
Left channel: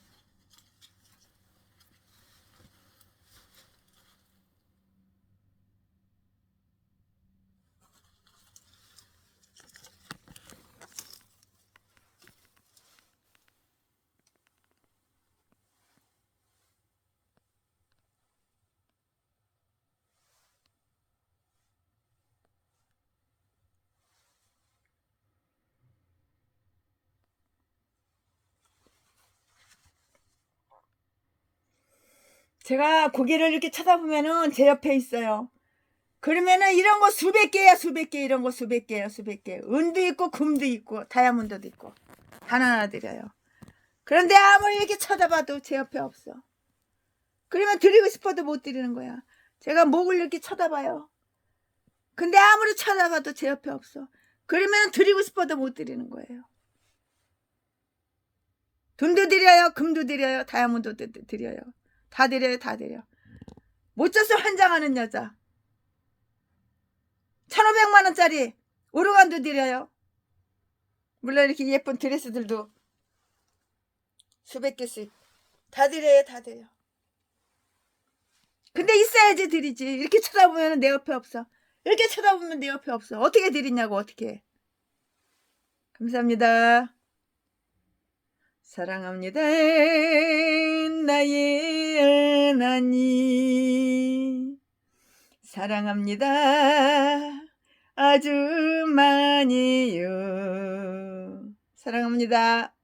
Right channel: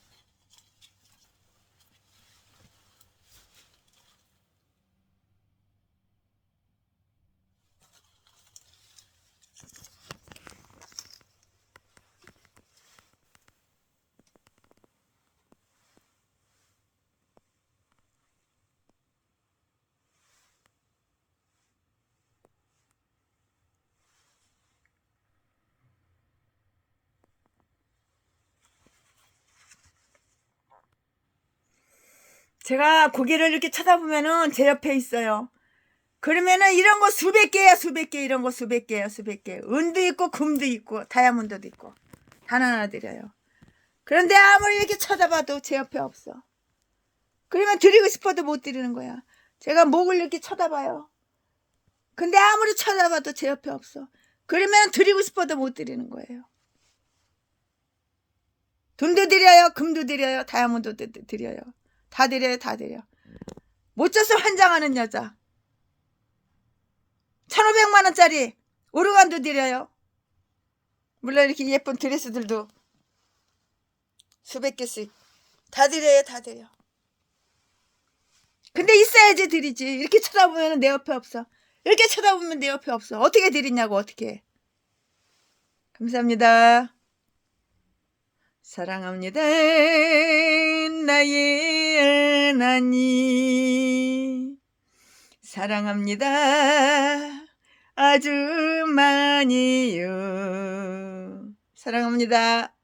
제가 고개를 이렇게 쳐다보면은 제 옆에 있어요. 그러면은 이런 거 수백 개 이런 거 수백 개예요. 은도 있고 금도 있고 다이아몬드도 있고 하나하나 드려요. 그런데 아무리 이렇게 쳐다봐도 제 옆에 없어. 그러면 드리고 싶어도 못 드리는 거야. 제가 목을 이렇게 쳐다봐요. 근데 아무리 쳐다봐도 제 옆에 없어. 그러면 드리고 싶어도 못 드리는 거예요. 돈도 드려요. 금도 드려요. 다이아몬드도 드려요. 다 드려요. 못 줘서 환장하는 여자. 1,500만 원짜리 오르간도 드려요. 물론 이렇게 예쁜 드레스들도 수백 개씩 다 드려요. 근데 있어야지 드리지. 이렇게 쳐다보면 내 옆에 없어. 이렇게 쳐다보면 내 옆에 없어. 어떻게 드리냐고. 어떻게. 감사합니다. 사랑합니다. 나의 하나님 사랑합니다. 아주 많이요. 사랑합니다.